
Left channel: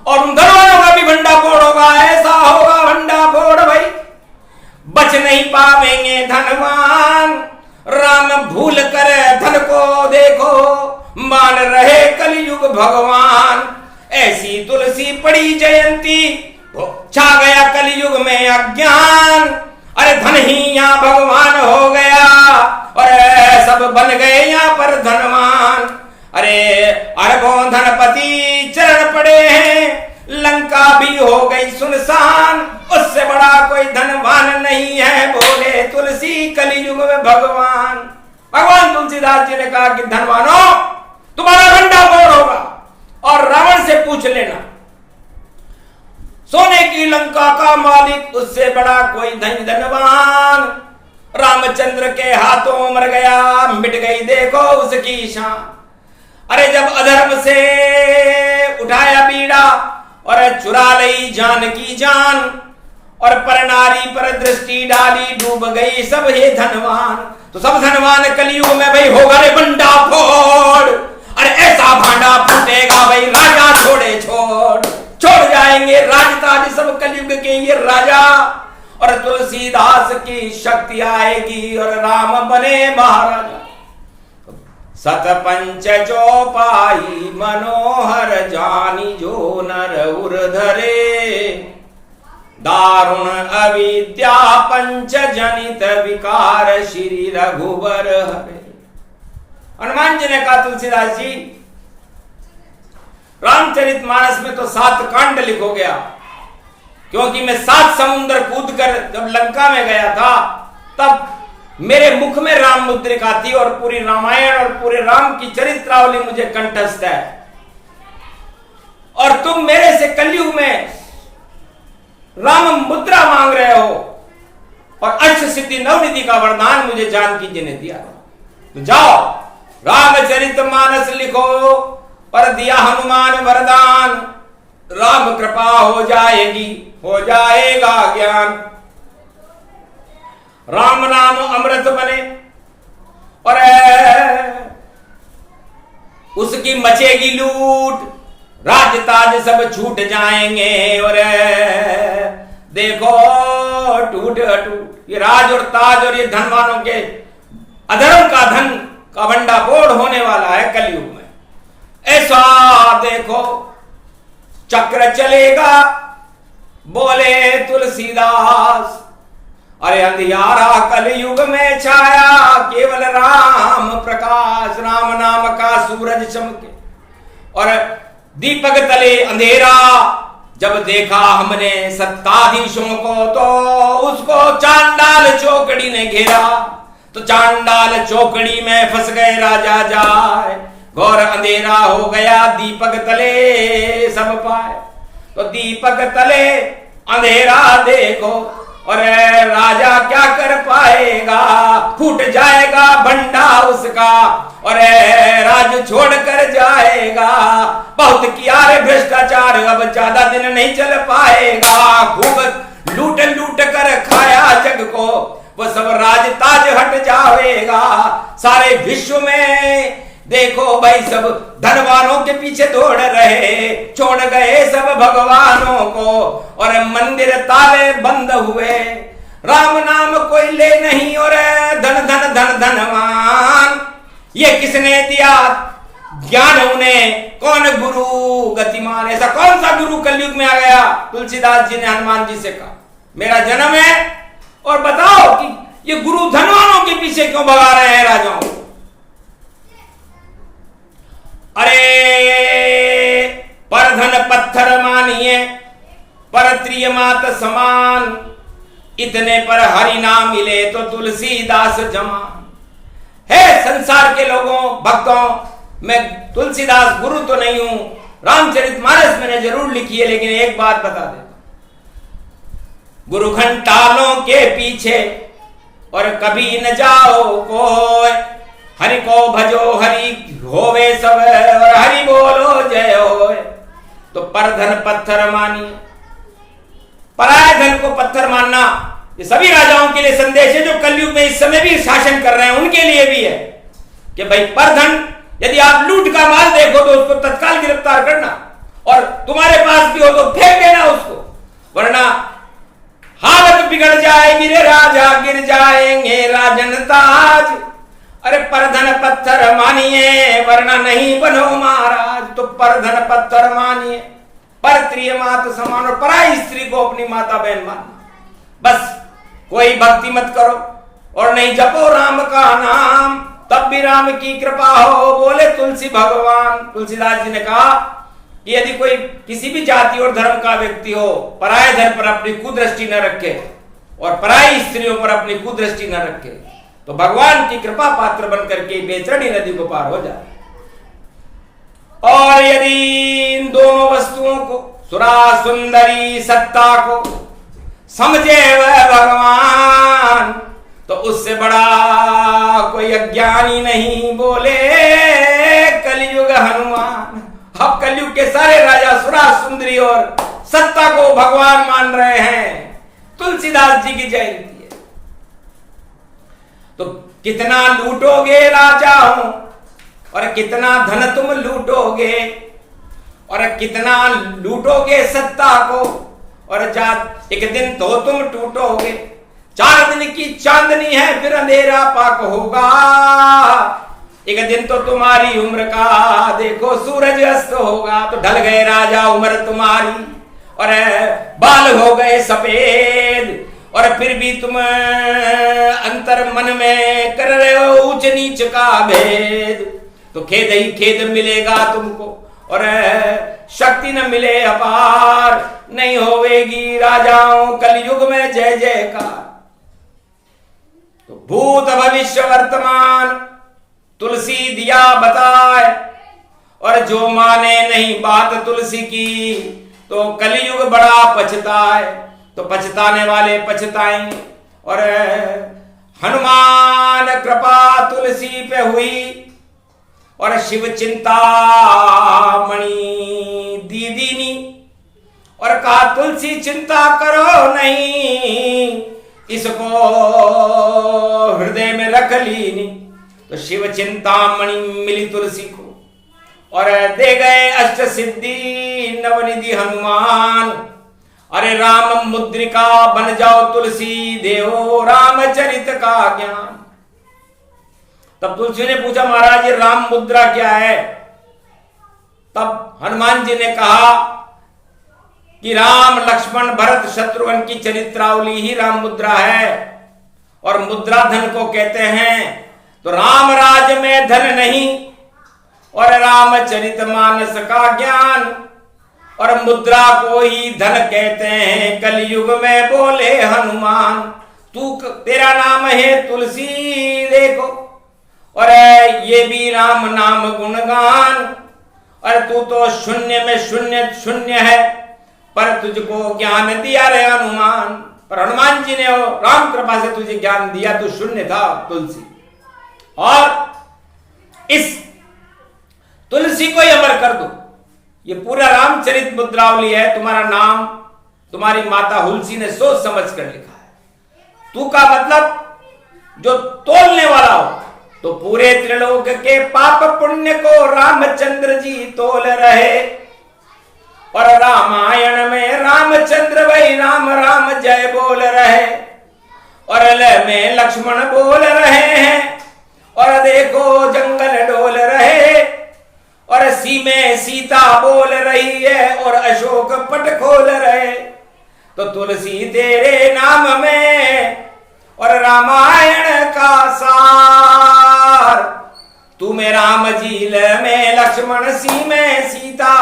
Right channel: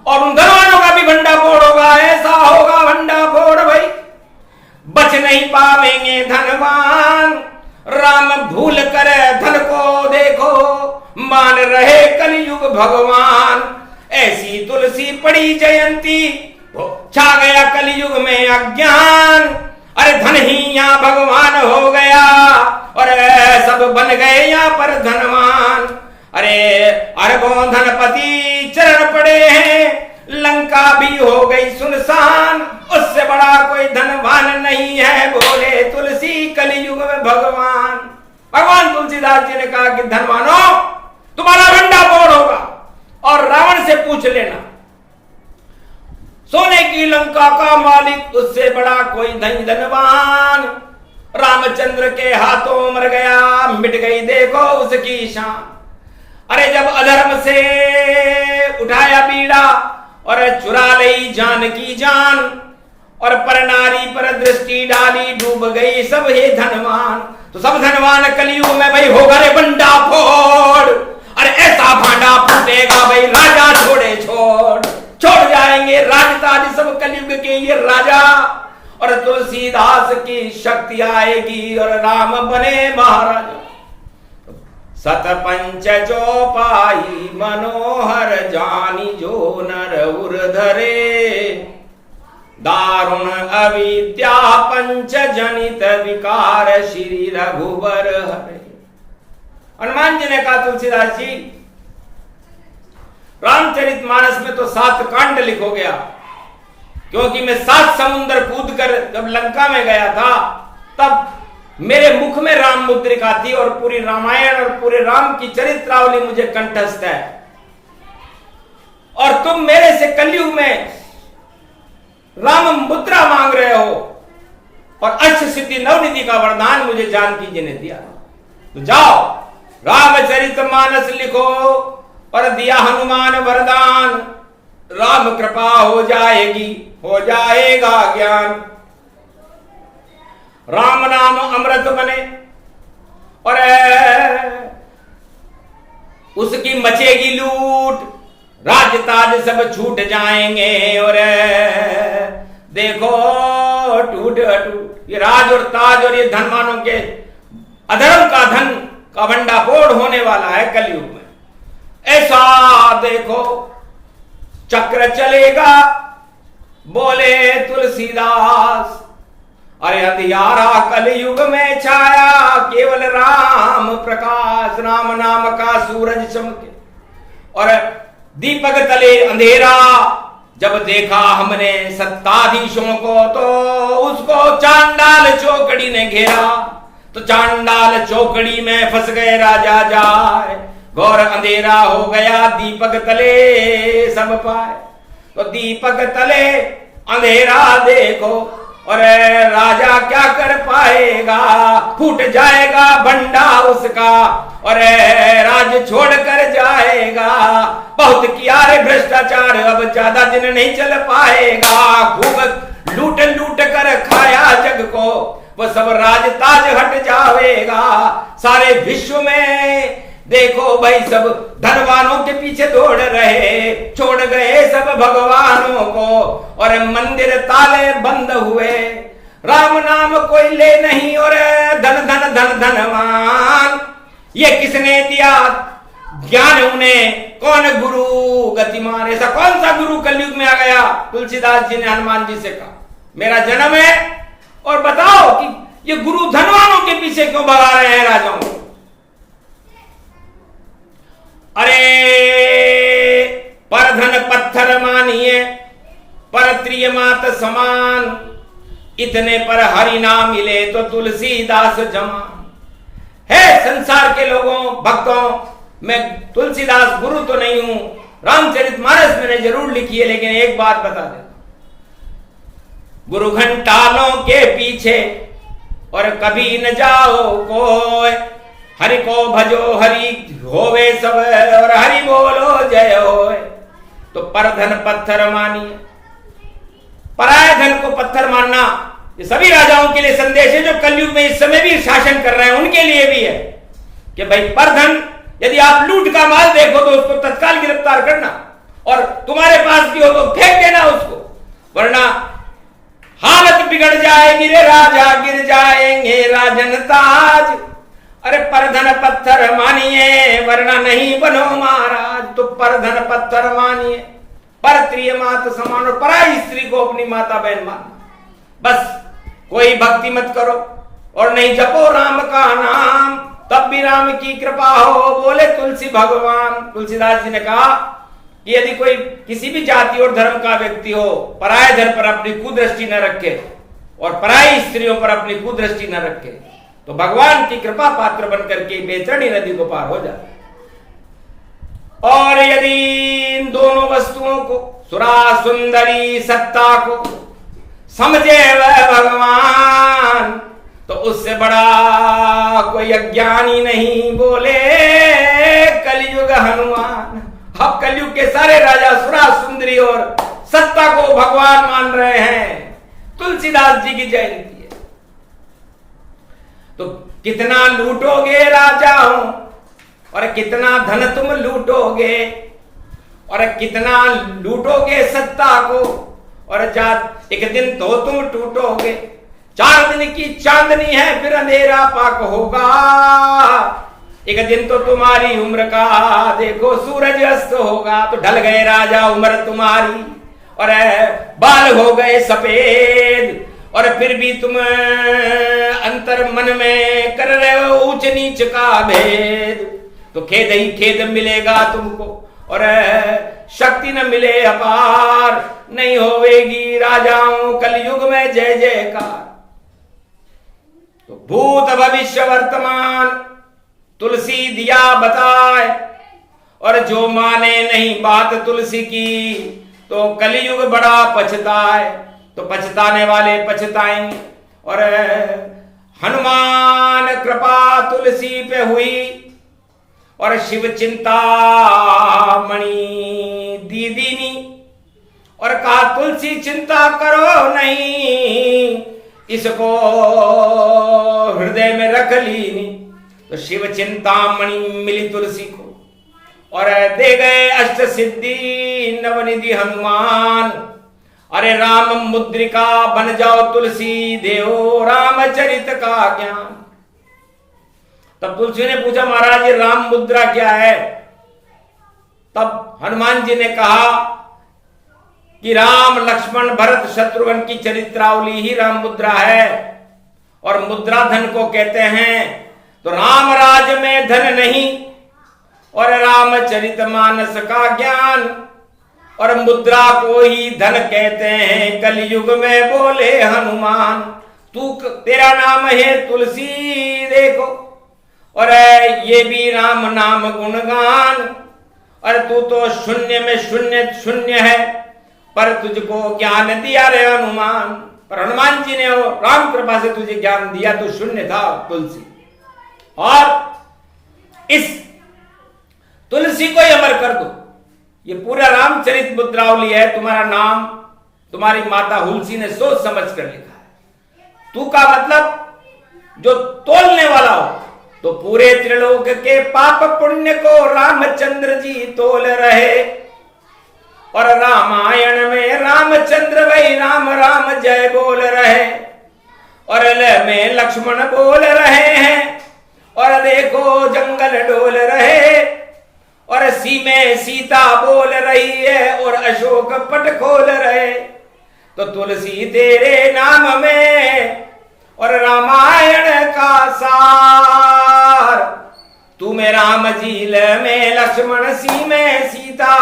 और उन धनवानों का भी भंडा फोड़ होगा। ऐसा होगा भंडा फोड़ भाई, बच नहीं पावेंगे धनवान। राम भूल कर धन को देखो, मान रहे कलयुग भगवान। ऐसी तुलसी पड़ी जयंती, छा गया कलयुग में अज्ञान। अरे धन ही यहाँ भगवान हो गया और सब बन गए यहाँ पर धनवान। अरे अरबों धनपति चरण पड़े हैं, लंका भी हो गई सुनसान, उससे बड़ा कोई धनवान नहीं है, बोले तुलसी कलयुग में भगवान। भगवान तुलसीदास जी ने कहा कि धनवानों, तुम्हारा भंडा फोड़ होगा और रावण से पूछ लेना, सोने की लंका का मालिक उससे बड़ा कोई धनवान। रामचंद्र के हाथों मर गया, मिट गई देखो उसकी शान। अरे जब अधर्म से उठाया बीड़ा और चुरा ली जान की जान, और पर नारी पर दृष्टि डाली, डूब गई सब हे धनवान। तो सब धनवान कलयुग में भाई होगा रे बंडा फोड़। अरे ऐसा भांडा फूटेगा भाई राजा छोड़े छोड़ जाएंगे राजताज सब कलयुग के ये राजा। और तुलसीदास की शक्ति आएगी और राम बने महाराजा। सत पंच जो पाई मनोहर जानी, जो नर उर धरे, दारुण अविद्या पंच जनित विकार श्री रघुबर हरे। हनुमान जी ने कहा तुलसीदास जी, रामचरितमानस में तो 7 कांड लिखो गया, क्योंकि मैं 7 समुद्र कूद कर जब लंका में गया था तब मेरे मुख में राम मुद्रिका थी और पूरी रामायण और पूरे राम की चरित्रावली मुझे कंठस्थ है। और तुम मेरे से कलयुग में राम मुद्रा मांग रहे हो और अष्ट सिद्धि नवनिधि का वरदान मुझे जानकी जी ने दिया। तो जाओ रामचरितमानस लिखो और दिया हनुमान वरदान, राम कृपा हो जाएगी, हो जाएगा ज्ञान। राम नाम अमृत बने और उसकी मचेगी लूट, राज ताज सब छूट जाएंगे और देखो टूट टूट ये राज और ताज और ये धनवानों के अधर्म का धन का भंडाफोड़ होने वाला है कलयुग में। ऐसा देखो चक्र चलेगा, बोले तुलसीदास। अरे अंधियारा कलयुग में छाया, केवल राम प्रकाश, राम नाम का सूरज चमके। और दीपक तले अंधेरा जब देखा हमने सत्ताधीशों को, तो उसको चांडाल चौकड़ी ने घेरा। तो चांडाल चौकड़ी में फंस गए राजा जाए, घोर अंधेरा हो गया दीपक तले सब पाए। तो दीपक तले अंधेरा देखो और राजा क्या कर पाएगा, फूट जाएगा भंडा उसका और राज छोड़ कर जाएगा। बहुत किया रे भ्रष्टाचार, अब ज्यादा दिन नहीं चल पाएगा। खूब लूट लूट कर खाया जग को, वो सब राज ताज हट जाएगा। सारे विश्व में देखो भाई सब धनवानों के पीछे दौड़ रहे, छोड़ गए सब भगवानों को और मंदिर ताले बंद हुए। राम नाम कोई ले नहीं और धन धन धन धनवान। ये किसने दिया ज्ञान उन्हें, कौन गुरु गतिमान। ऐसा कौन सा गुरु कलयुग में आ गया। तुलसीदास जी ने हनुमान जी से कहा मेरा जन्म है और बताओ कि ये गुरु धनवानों के पीछे क्यों भगा रहे हैं राजाओं को। अरे पर धन पत्थर मानिए, पर त्रिय मात समान। इतने पर हरि नाम मिले तो तुलसीदास जमान। है संसार के लोगों भक्तों, मैं तुलसीदास गुरु तो नहीं हूं, रामचरितमानस मैंने जरूर लिखी है, लेकिन एक बात बता देता, गुरु घंटालों के पीछे और कभी न जाओ कोई। हरि को भजो हरि होवे सब और हरि बोलो जय होए। तो पर धन पत्थर मानिए, पराये धन को पत्थर मानना ये सभी राजाओं के लिए संदेश है जो कलयुग में इस समय भी शासन कर रहे हैं, उनके लिए भी है कि भाई पर धन यदि आप लूट का माल देखो तो उसको तत्काल गिरफ्तार करना और तुम्हारे पास भी हो तो फेंक देना उसको, वरना हालत बिगड़ जाएगी रे राजा, गिर जाएंगे राजन ताज। अरे पर धन पत्थर मानिए वरना नहीं बनो महाराज। तो पर धन पत्थर मानिए, पर प्रिय मात समान, और पराई स्त्री को अपनी माता बहन मानना। बस कोई भक्ति मत करो और नहीं जपो राम का नाम, तब भी राम की कृपा हो। बोले तुलसी भगवान। तुलसीदास जी ने कहा कि यदि कोई किसी भी जाति और धर्म का व्यक्ति हो, पराये धन पर अपनी कुदृष्टि न रखे और पराई स्त्रियों पर अपनी कुदृष्टि न रखे, तो भगवान की कृपा पात्र बनकर के बेचैनी नदी को पार हो जाए। और यदि इन दोनों वस्तुओं को, सुरा सुंदरी सत्ता को समझे वह भगवान, तो उससे बड़ा कोई अज्ञानी नहीं। बोले कलयुग हनुमान। अब कलयुग के सारे राजा सुरा सुंदरी और सत्ता को भगवान मान रहे हैं। तुलसीदास जी की जयंती है। तो कितना लूटोगे राजाओं, और कितना धन तुम लूटोगे, और कितना लूटोगे सत्ता को, और एक दिन तो तुम टूटोगे। 4 दिन की चांदनी है फिर अंधेरा पाक होगा। एक दिन तो तुम्हारी उम्र का देखो सूरज अस्त होगा। तो ढल गए राजा उम्र तुम्हारी, और बाल हो गए सफेद, और फिर भी तुम अंतर मन में कर रहे हो ऊंच नीच का भेद। तो खेद ही खेद मिलेगा तुमको, और शक्ति न मिले अपार, नहीं होवेगी राजाओं कलयुग में जय जयकार। तो भूत भविष्य वर्तमान तुलसी दिया बताए, और जो माने नहीं बात तुलसी की, तो कलयुग बड़ा पछताए। तो पछताने वाले पछताएंगे। और हनुमान कृपा तुलसी पे हुई, और शिव चिंता मणि दीदीनी, और कहा तुलसी चिंता करो नहीं, इसको हृदय में रख लीनी। तो शिव चिंतामणि मिली तुलसी को, और दे गए अष्ट सिद्धि नवनिधि हनुमान। अरे राम मुद्रिका बन जाओ तुलसी, देव रामचरित का ज्ञान। तब तुलसी ने पूछा महाराज ये राम मुद्रा क्या है? तब हनुमान जी ने कहा कि राम लक्ष्मण भरत शत्रुघ्न की चरित्रावली ही राम मुद्रा है, और मुद्रा धन को कहते हैं। तो राम राज में धन नहीं, और रामचरित मानस का ज्ञान, और मुद्रा को ही धन कहते हैं कलयुग में। बोले हनुमान तेरा नाम है तुलसी देखो, और ये भी राम नाम गुणगान। और तू तो शून्य में शून्य शून्य है, पर तुझको ज्ञान दिया रे हनुमान। पर हनुमान जी ने राम कृपा से तुझे ज्ञान दिया, तू शून्य था तुलसी। और इस तुलसी को ही अमर कर दो। ये पूरा रामचरित मुद्रावली है। तुम्हारा नाम तुम्हारी माता हुलसी ने सोच समझ कर लिखा है। तू का मतलब जो तोलने वाला हो, तो पूरे त्रिलोक के पाप पुण्य को रामचंद्र जी तोल रहे। और रामायण में रामचंद्र वही राम राम जय बोल रहे, और ल में लक्ष्मण बोल रहे हैं, और देखो जंगल डोल रहे, और सी में सीता बोल रही है, और अशोक पट खोल रहे। तो तुलसी तेरे नाम में और रामायण का सार, तू में राम झील में लक्ष्मण सी में सीता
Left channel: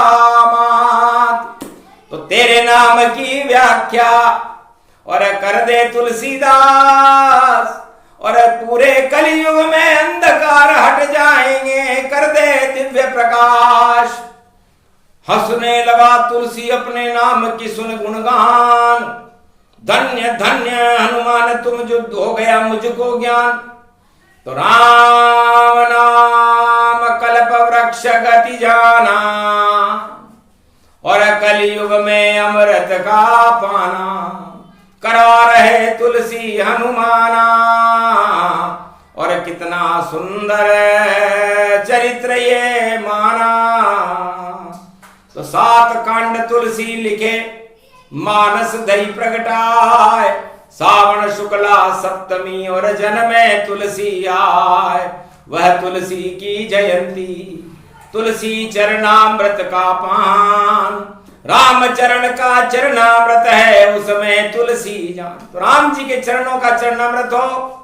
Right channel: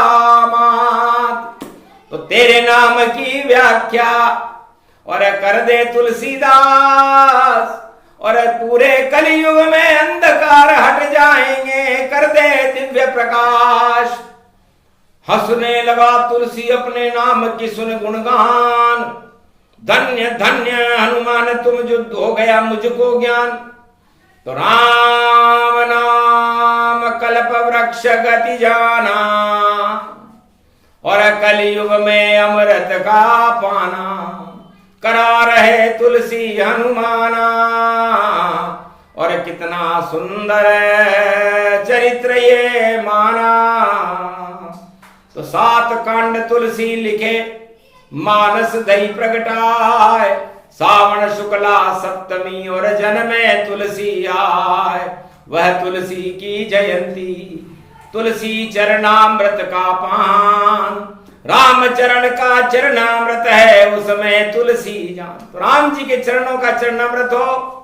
मात। तो तेरे नाम की व्याख्या और कर दे तुलसीदास, और पूरे कलयुग में अंधकार हट जाएंगे, कर दे दिव्य प्रकाश। हंसने लगा तुलसी अपने नाम की सुन गुणगान। धन्य धन्य हनुमान तुम जो हो गया मुझको ज्ञान। तो राम नाम कल्प वृक्ष गति जाना, और कलयुग में अमृत का पाना। करा रहे तुलसी हनुमाना, और कितना सुंदर चरित्र ये माना। तो 7 कांड तुलसी लिखे, मानस दही प्रगटाए। सावन शुक्ला सप्तमी और जन्मे तुलसी आए। वह तुलसी की जयंती। तुलसी चरणामृत का पान, राम चरण का चरणामृत है, उसमें तुलसी जान। तो राम जी के चरणों का चरणामृत हो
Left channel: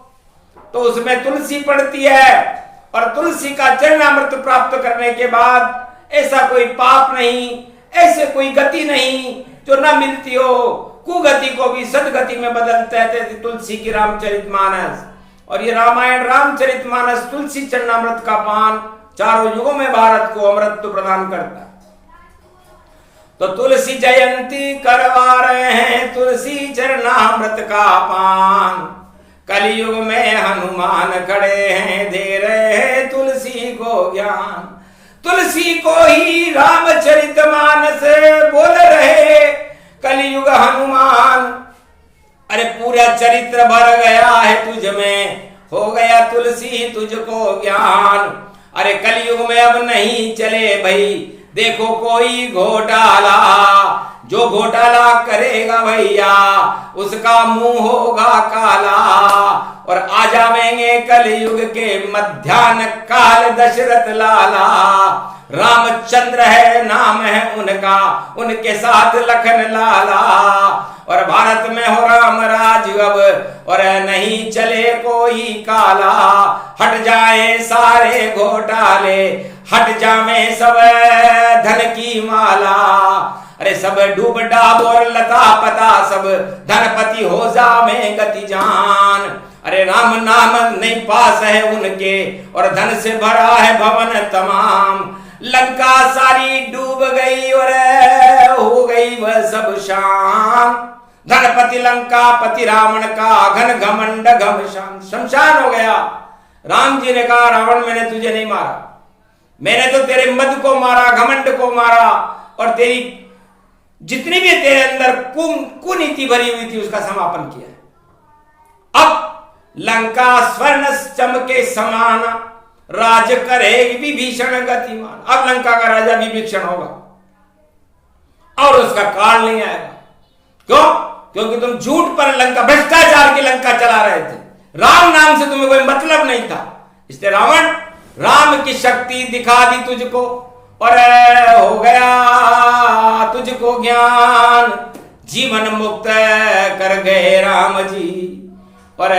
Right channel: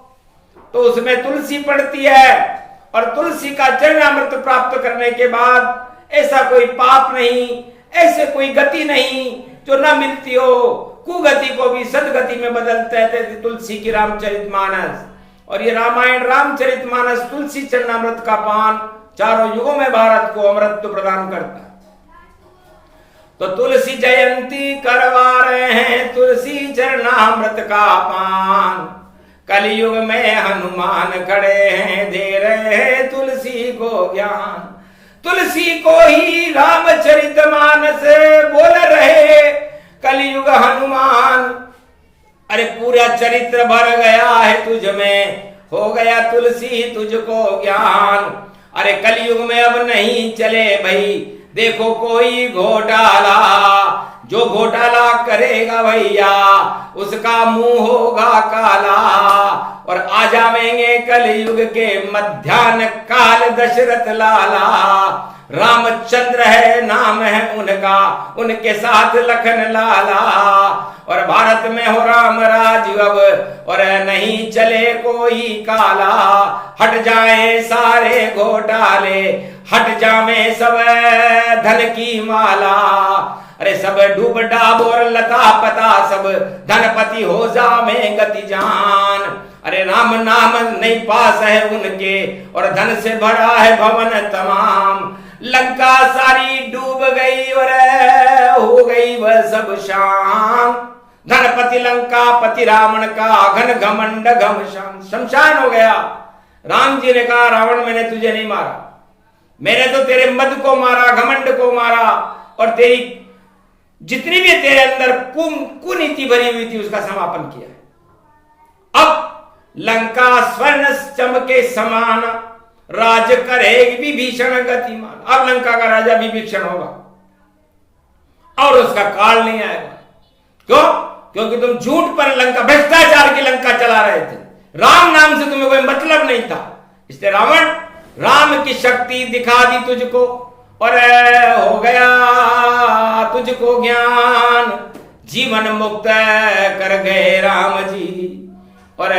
तो उसमें तुलसी पड़ती है, और तुलसी का चरणामृत प्राप्त करने के बाद ऐसा कोई पाप नहीं, ऐसे कोई गति नहीं जो न मिलती हो। कुगति को भी सदगति में बदलते हैं तुलसी की रामचरितमानस। और ये रामायण रामचरितमानस तुलसी चरणामृत का पान चारों युगों में भारत को अमृत प्रदान करता है। तो तुलसी जयंती करवा रहे हैं तुलसी चरणामृत का पान। कलयुग में हनुमान खड़े हैं, दे रहे हैं तुलसी को ज्ञान। तुलसी को ही रामचरितमानस बोल रहे कलयुग हनुमान। अरे पूरा चरित्र भर गया है तुझ में, हो गया तुलसी तुझको ज्ञान। अरे कलयुग में अब नहीं चले भाई, देखो कोई घोटाला, जो घोटाला करेगा भैया उसका मुंह होगा काला। और आ जावेंगे कलयुग के मध्यान्ह काल दशरथ लाला। रामचंद्र है नाम है उनका, उनके साथ लखन लाला। और भारत में हो राम राज अब, और नहीं चले कोई काला। हट जाए सारे घोटाले, हट जावे सब धन की माला। अरे सब डूब डाब और लता पता, सब धनपति हो जावे गति जान। अरे राम नाम नहीं पास है उनके, और धन से भरा है भवन तमाम। लंका सारी डूब गई और हो गई वह सब शान। धनपति लंका पति रावण का, घन घमंड घमशान। शमशान हो गया। राम जी ने कहा रावण मैंने तुझे नहीं मारा, मैंने तो तेरे मद को मारा, घमंड को मारा, और तेरी जितनी भी तेरे अंदर कुनीति भरी हुई थी उसका समापन किया है। अब लंका स्वर्ण चमके समान, राज करेगी विभीषण गतिमान। अब लंका का राजा विभीषण होगा और उसका काल नहीं आएगा। क्यों? क्योंकि तुम झूठ पर लंका, भ्रष्टाचार की लंका चला रहे थे। राम नाम से तुम्हें कोई मतलब नहीं था, इसलिए रावण राम की शक्ति दिखा दी तुझको, और हो गया तुझको ज्ञान। जीवन मुक्त कर गए राम जी, और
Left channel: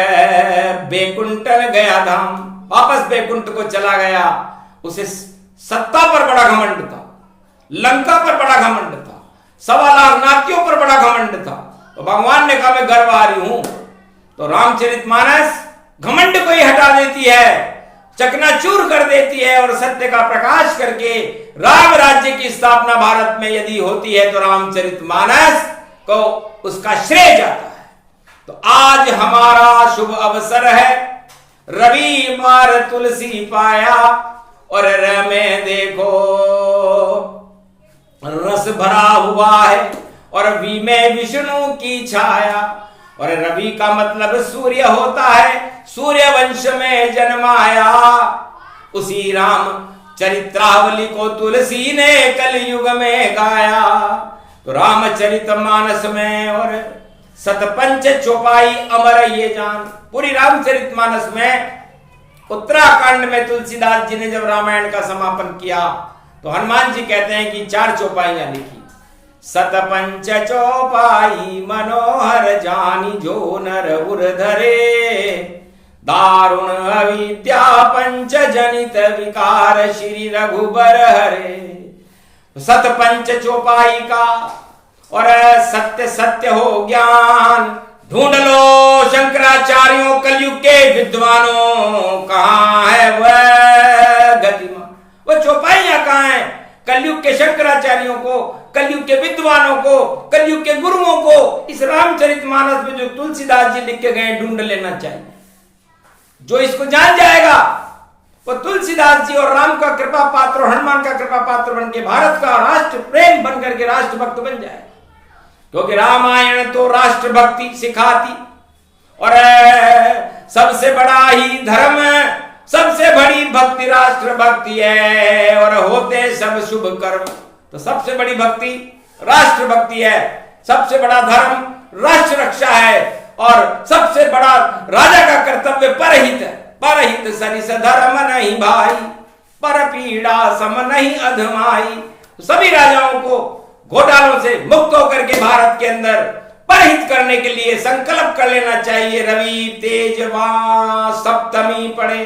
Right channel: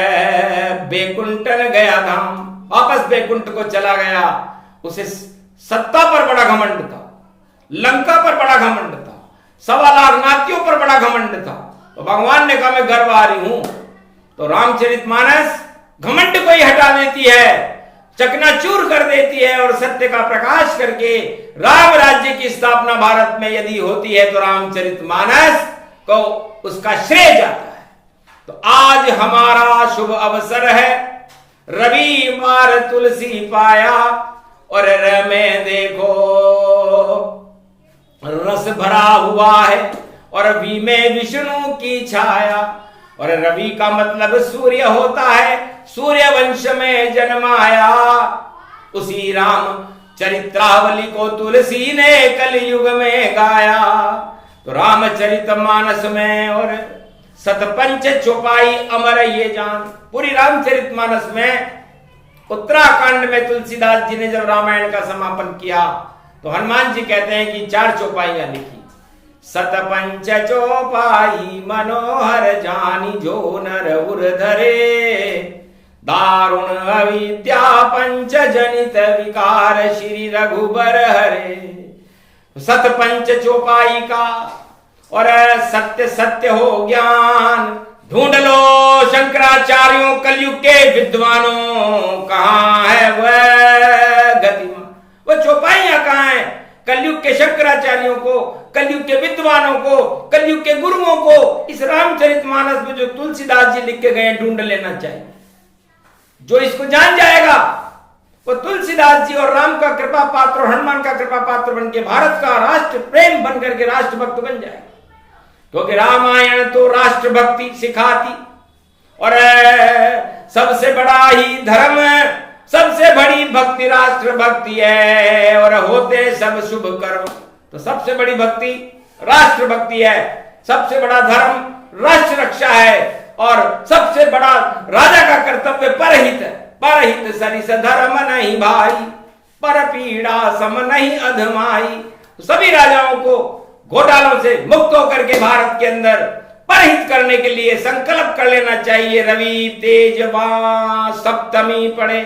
बैकुंठन गया धाम, वापस बैकुंठ को चला गया। उसे सत्ता पर बड़ा घमंड था, लंका पर बड़ा घमंड था, 1.25 लाख नातियों पर बड़ा घमंड था। तो भगवान ने कहा मैं गर्व आ रही हूं। तो रामचरितमानस घमंड को ही हटा देती है, चकनाचूर कर देती है, और सत्य का प्रकाश करके राम राज्य की स्थापना भारत में यदि होती है तो रामचरितमानस को उसका श्रेय जाता है। तो आज हमारा शुभ अवसर है, रवि मार तुलसी पाया, और में देखो रस भरा हुआ है, और वी में विष्णु की छाया। और रवि का मतलब सूर्य होता है, सूर्य वंश में जन्माया। उसी राम चरित्रावली को तुलसी ने कलयुग में गाया। तो रामचरितमानस में और सतपंच चौपाई अमर ये जान। पूरी रामचरितमानस में उत्तराखंड में तुलसीदास जी ने जब रामायण का समापन किया तो हनुमान जी कहते हैं कि 4 चौपाइयां लिखी। सतपंच चौपाई मनोहर जानी, जो नर उर धरे, दारुण अविद्या पंच जनित विकार, श्री रघुबर हरे। सतपंच चौपाई का, और सत्य सत्य हो ज्ञान। ढूंढ लो शंकराचार्यों कलयुग के विद्वानों, कहां है वह गतिमान। वह चौपाइयां कहां है? कलयुग के शंकराचार्यों को, कलयुग के विद्वानों को, कलयुग के गुरुओं को इस रामचरितमानस में जो तुलसीदास जी लिख के गए ढूंढ लेना चाहिए। जो इसको जान जाएगा वो तुलसीदास जी और राम का कृपा पात्र और हनुमान का कृपा पात्र बन के भारत का राष्ट्र प्रेम बन करके राष्ट्रभक्त बन जाएगा। क्योंकि रामायण तो राष्ट्रभक्ति सिखाती, और सबसे बड़ा ही धर्म, सबसे बड़ी भक्ति राष्ट्र भक्ति है, और होते सब शुभ कर्म। तो सबसे बड़ी भक्ति राष्ट्र भक्ति है, सबसे बड़ा धर्म राष्ट्र रक्षा है, और सबसे बड़ा राजा का कर्तव्य परहित है। परहित सरिस धर्म नहीं भाई, पर पीड़ा सम नहीं अधमाई। सभी राजाओं को घोटालों से मुक्त होकर के भारत के अंदर परहित करने के लिए संकल्प कर लेना चाहिए। रवि तेजवा सप्तमी पड़े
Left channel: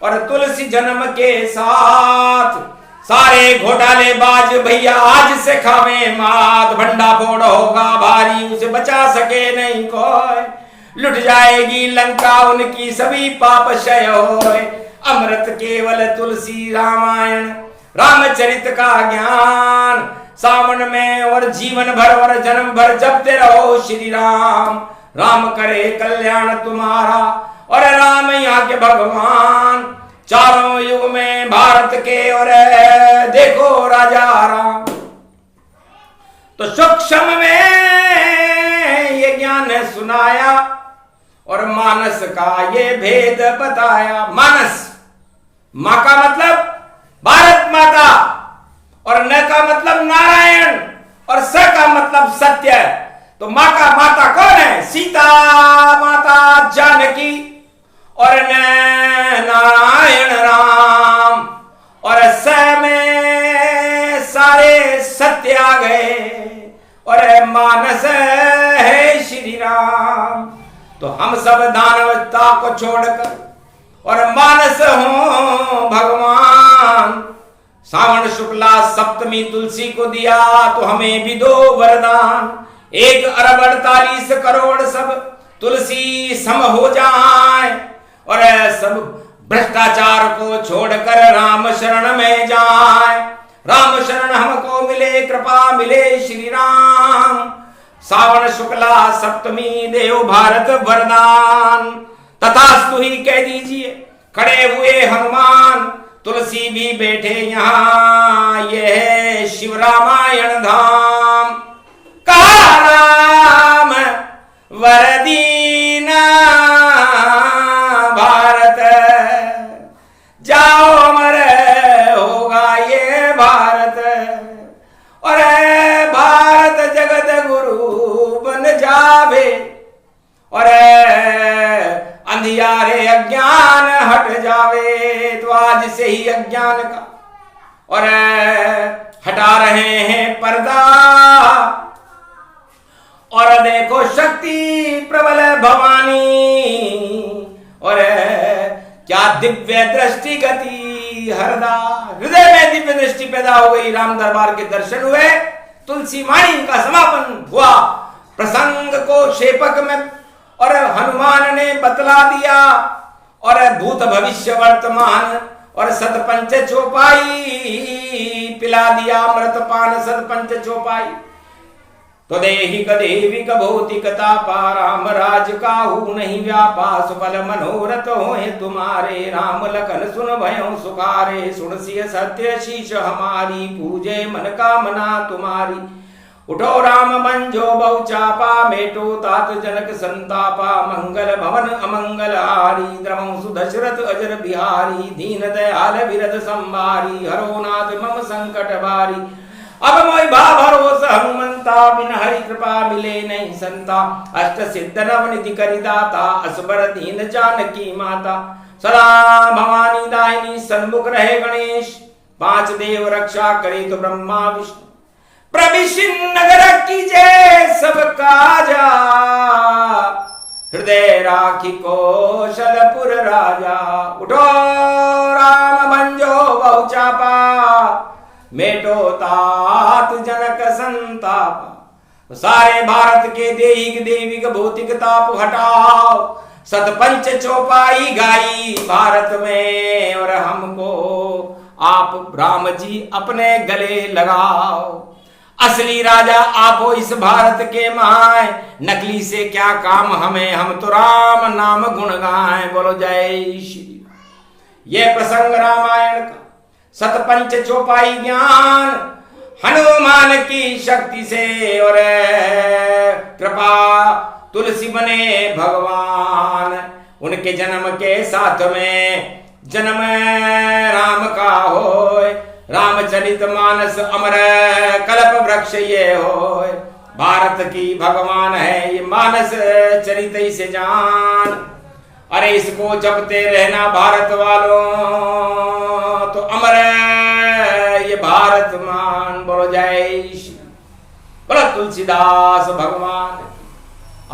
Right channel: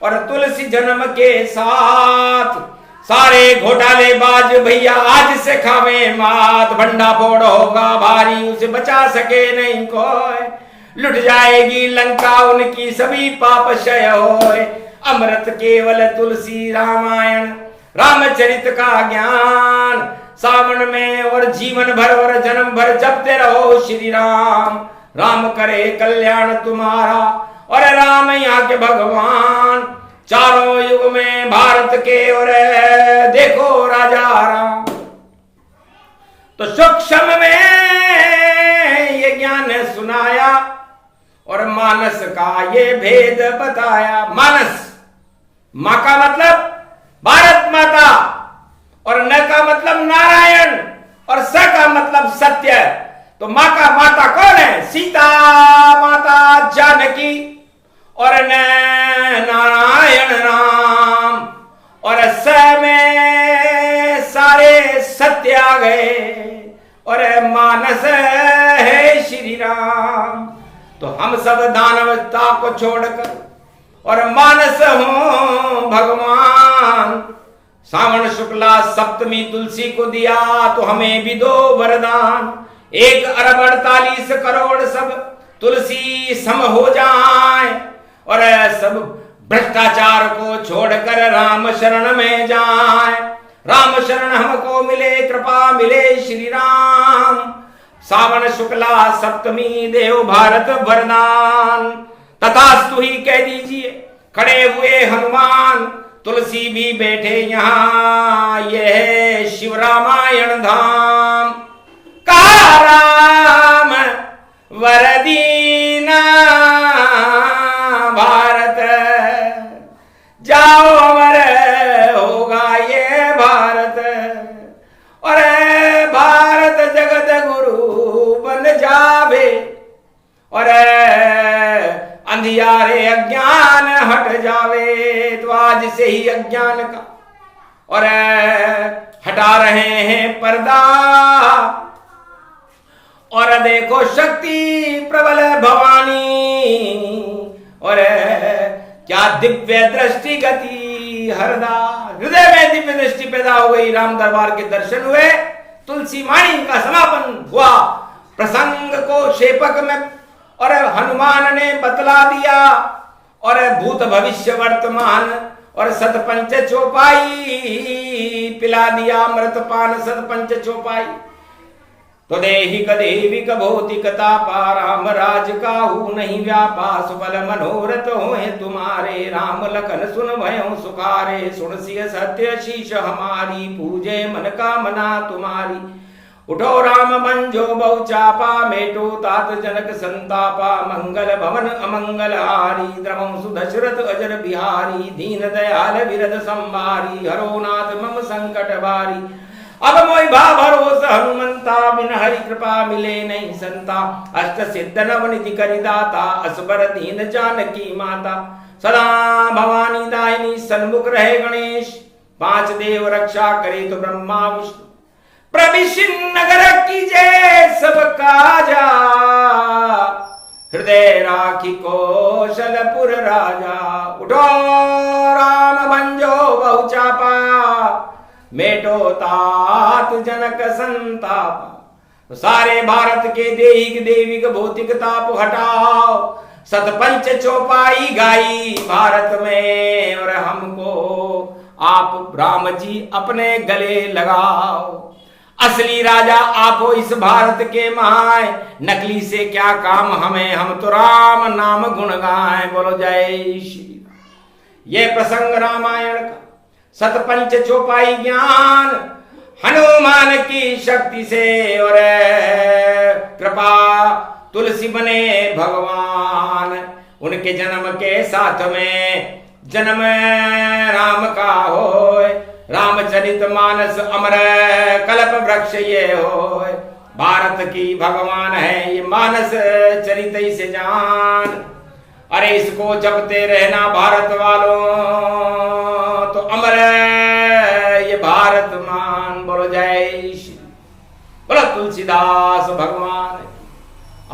और तुलसी जन्म के साथ सारे घोटालेबाज भैया आज से खावे मात। भंडा फोड़ होगा भारी, उसे बचा सके नहीं कोई। लुट जाएगी लंका उनकी सभी पाप क्षय होए। अमृत केवल तुलसी रामायण रामचरित का ज्ञान। सावन में और जीवन भर और जन्म भर जपते रहो श्री राम। राम करे कल्याण तुम्हारा और राम यहाँ के भगवान। चारों युग में भारत के और देखो राजा राम। तो सूक्ष्म में ये ज्ञान सुनाया और मानस का ये भेद बताया। मानस मां का मतलब भारत माता और न का मतलब नारायण और स का मतलब सत्य। तो मां का माता कौन है? सीता माता जानकी और न नारायण राम और स में सारे सत्य आ गए और मानस है श्री राम। तो हम सब दानवता को छोड़कर और मानस हो भगवान। सावन शुक्ला सप्तमी तुलसी को दिया तो हमें भी दो वरदान। 1 अरब 48 करोड़ सब तुलसी सम हो जाए और सब भ्रष्टाचार को छोड़कर राम शरण में जाए। राम शरण हमको मिले, कृपा मिले श्री राम। सावन शुक्ला सप्तमी देव भारत वरदान। तथास्तु ही कह दीजिए खड़े हुए हनुमान। तुलसी भी बैठे यहाँ, यह है शिव रामायण धाम। कहा राम वरदीना भारत, जाओ अमर होगा ये भारत। और भारत जगत गुरु बन जावे और अंधियारे अज्ञान हट जावे। तो आज से ही अज्ञान का और हटा रहे हैं पर्दा और देखो शक्ति प्रबल भवानी। और क्या दिव्य दृष्टि गति हरदा, हृदय में दिव्य दृष्टि पैदा हो गई। राम दरबार के दर्शन हुए, तुलसी वाणी का समापन हुआ। प्रसंग को शेपक में और हनुमान ने बतला दिया और भूत भविष्य वर्तमान और सतपंच चौपाई पिला दिया। अमृत पान सतपंच चौपाई। तो देहिक देविक भौतिक तापा, राम राज काहू नहीं व्यापा। सुफल मनोरथ होए तुम्हारे, राम लखन सुन भयो सुखारे। सुन सिय सत्य शीश हमारी, पूजे मन कामना तुम्हारी। उठो राम मंजो बहुचापा, मेटो तात जनक संतापा। मंगल भवन अमंगल हारी, द्रवं सुदशरथ अजर बिहारी। दीन दयाल विरद संभारी, हरो नाथ मम संकट बारी। अब मोहि भाव भरोस हनुमंता, बिन हरि कृपा मिले नहीं संता। अष्ट सिद्ध नवनिधि करि दाता, असबर दीन जानकी माता। सदा भवानी दायिनी सन्मुख रहे गणेश, 5 देव रक्षा करे तो ब्रह्मा विष्णु। प्रभिषिन नगर कीजे सब काजा, हृदय राखी कौशलपुर राजा। उठो राम भंजो बहुचापा, मेटो तात जनक संताप। सारे भारत के देहिक देविक भौतिक ताप हटाओ। सतपंच चौपाई गाई भारत में और हमको आप राम जी अपने गले लगाओ। असली राजा आप हो इस भारत के माए, नकली से क्या काम हमें, हम तो राम नाम गुण गाएं। बोलो जय श्री राम। ये प्रसंग रामायण का सतपंच चौपाई ज्ञान हनुमान की शक्ति से और कृपा तुलसी बने भगवान। उनके जन्म के साथ में जन्म राम का होए। रामचरित मानस अमर कल्प वृक्ष ये होए। भारत की भगवान है ये मानस चरित से जान। अरे इसको जपते रहना भारत वालों, तो अमर ये भारत मान। बोलो जय श्री, बोलो तुलसीदास भगवान की,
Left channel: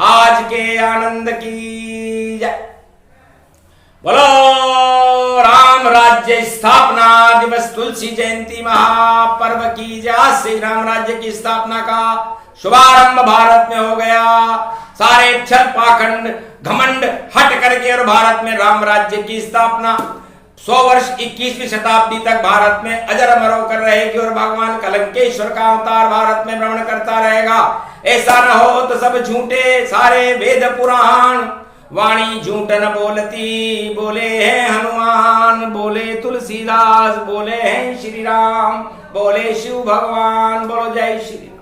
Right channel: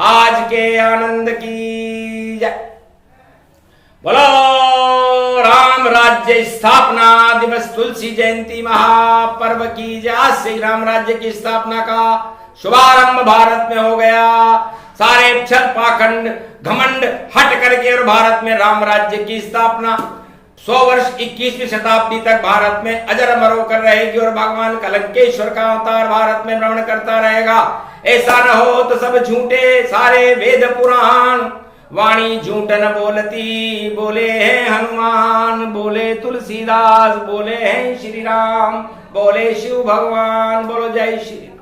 आज के आनंद की जय। बोलो राम राज्य स्थापना दिवस तुलसी जयंती महापर्व की जय। आज से राम राज्य की स्थापना का शुभारंभ भारत में हो गया। सारे छल पाखंड घमंड हट करके और भारत में राम राज्य की स्थापना 100 वर्ष 21वीं शताब्दी तक भारत में अजर अमर होकर रहेगी और भगवान कलंकेश्वर का अवतार भारत में भ्रमण करता रहेगा। ऐसा न हो तो सब झूठे सारे वेद पुराण, वाणी झूठ न बोलती, बोले हैं हनुमान, बोले तुलसीदास, बोले हैं श्री राम, बोले शिव भगवान। बोलो जय श्री।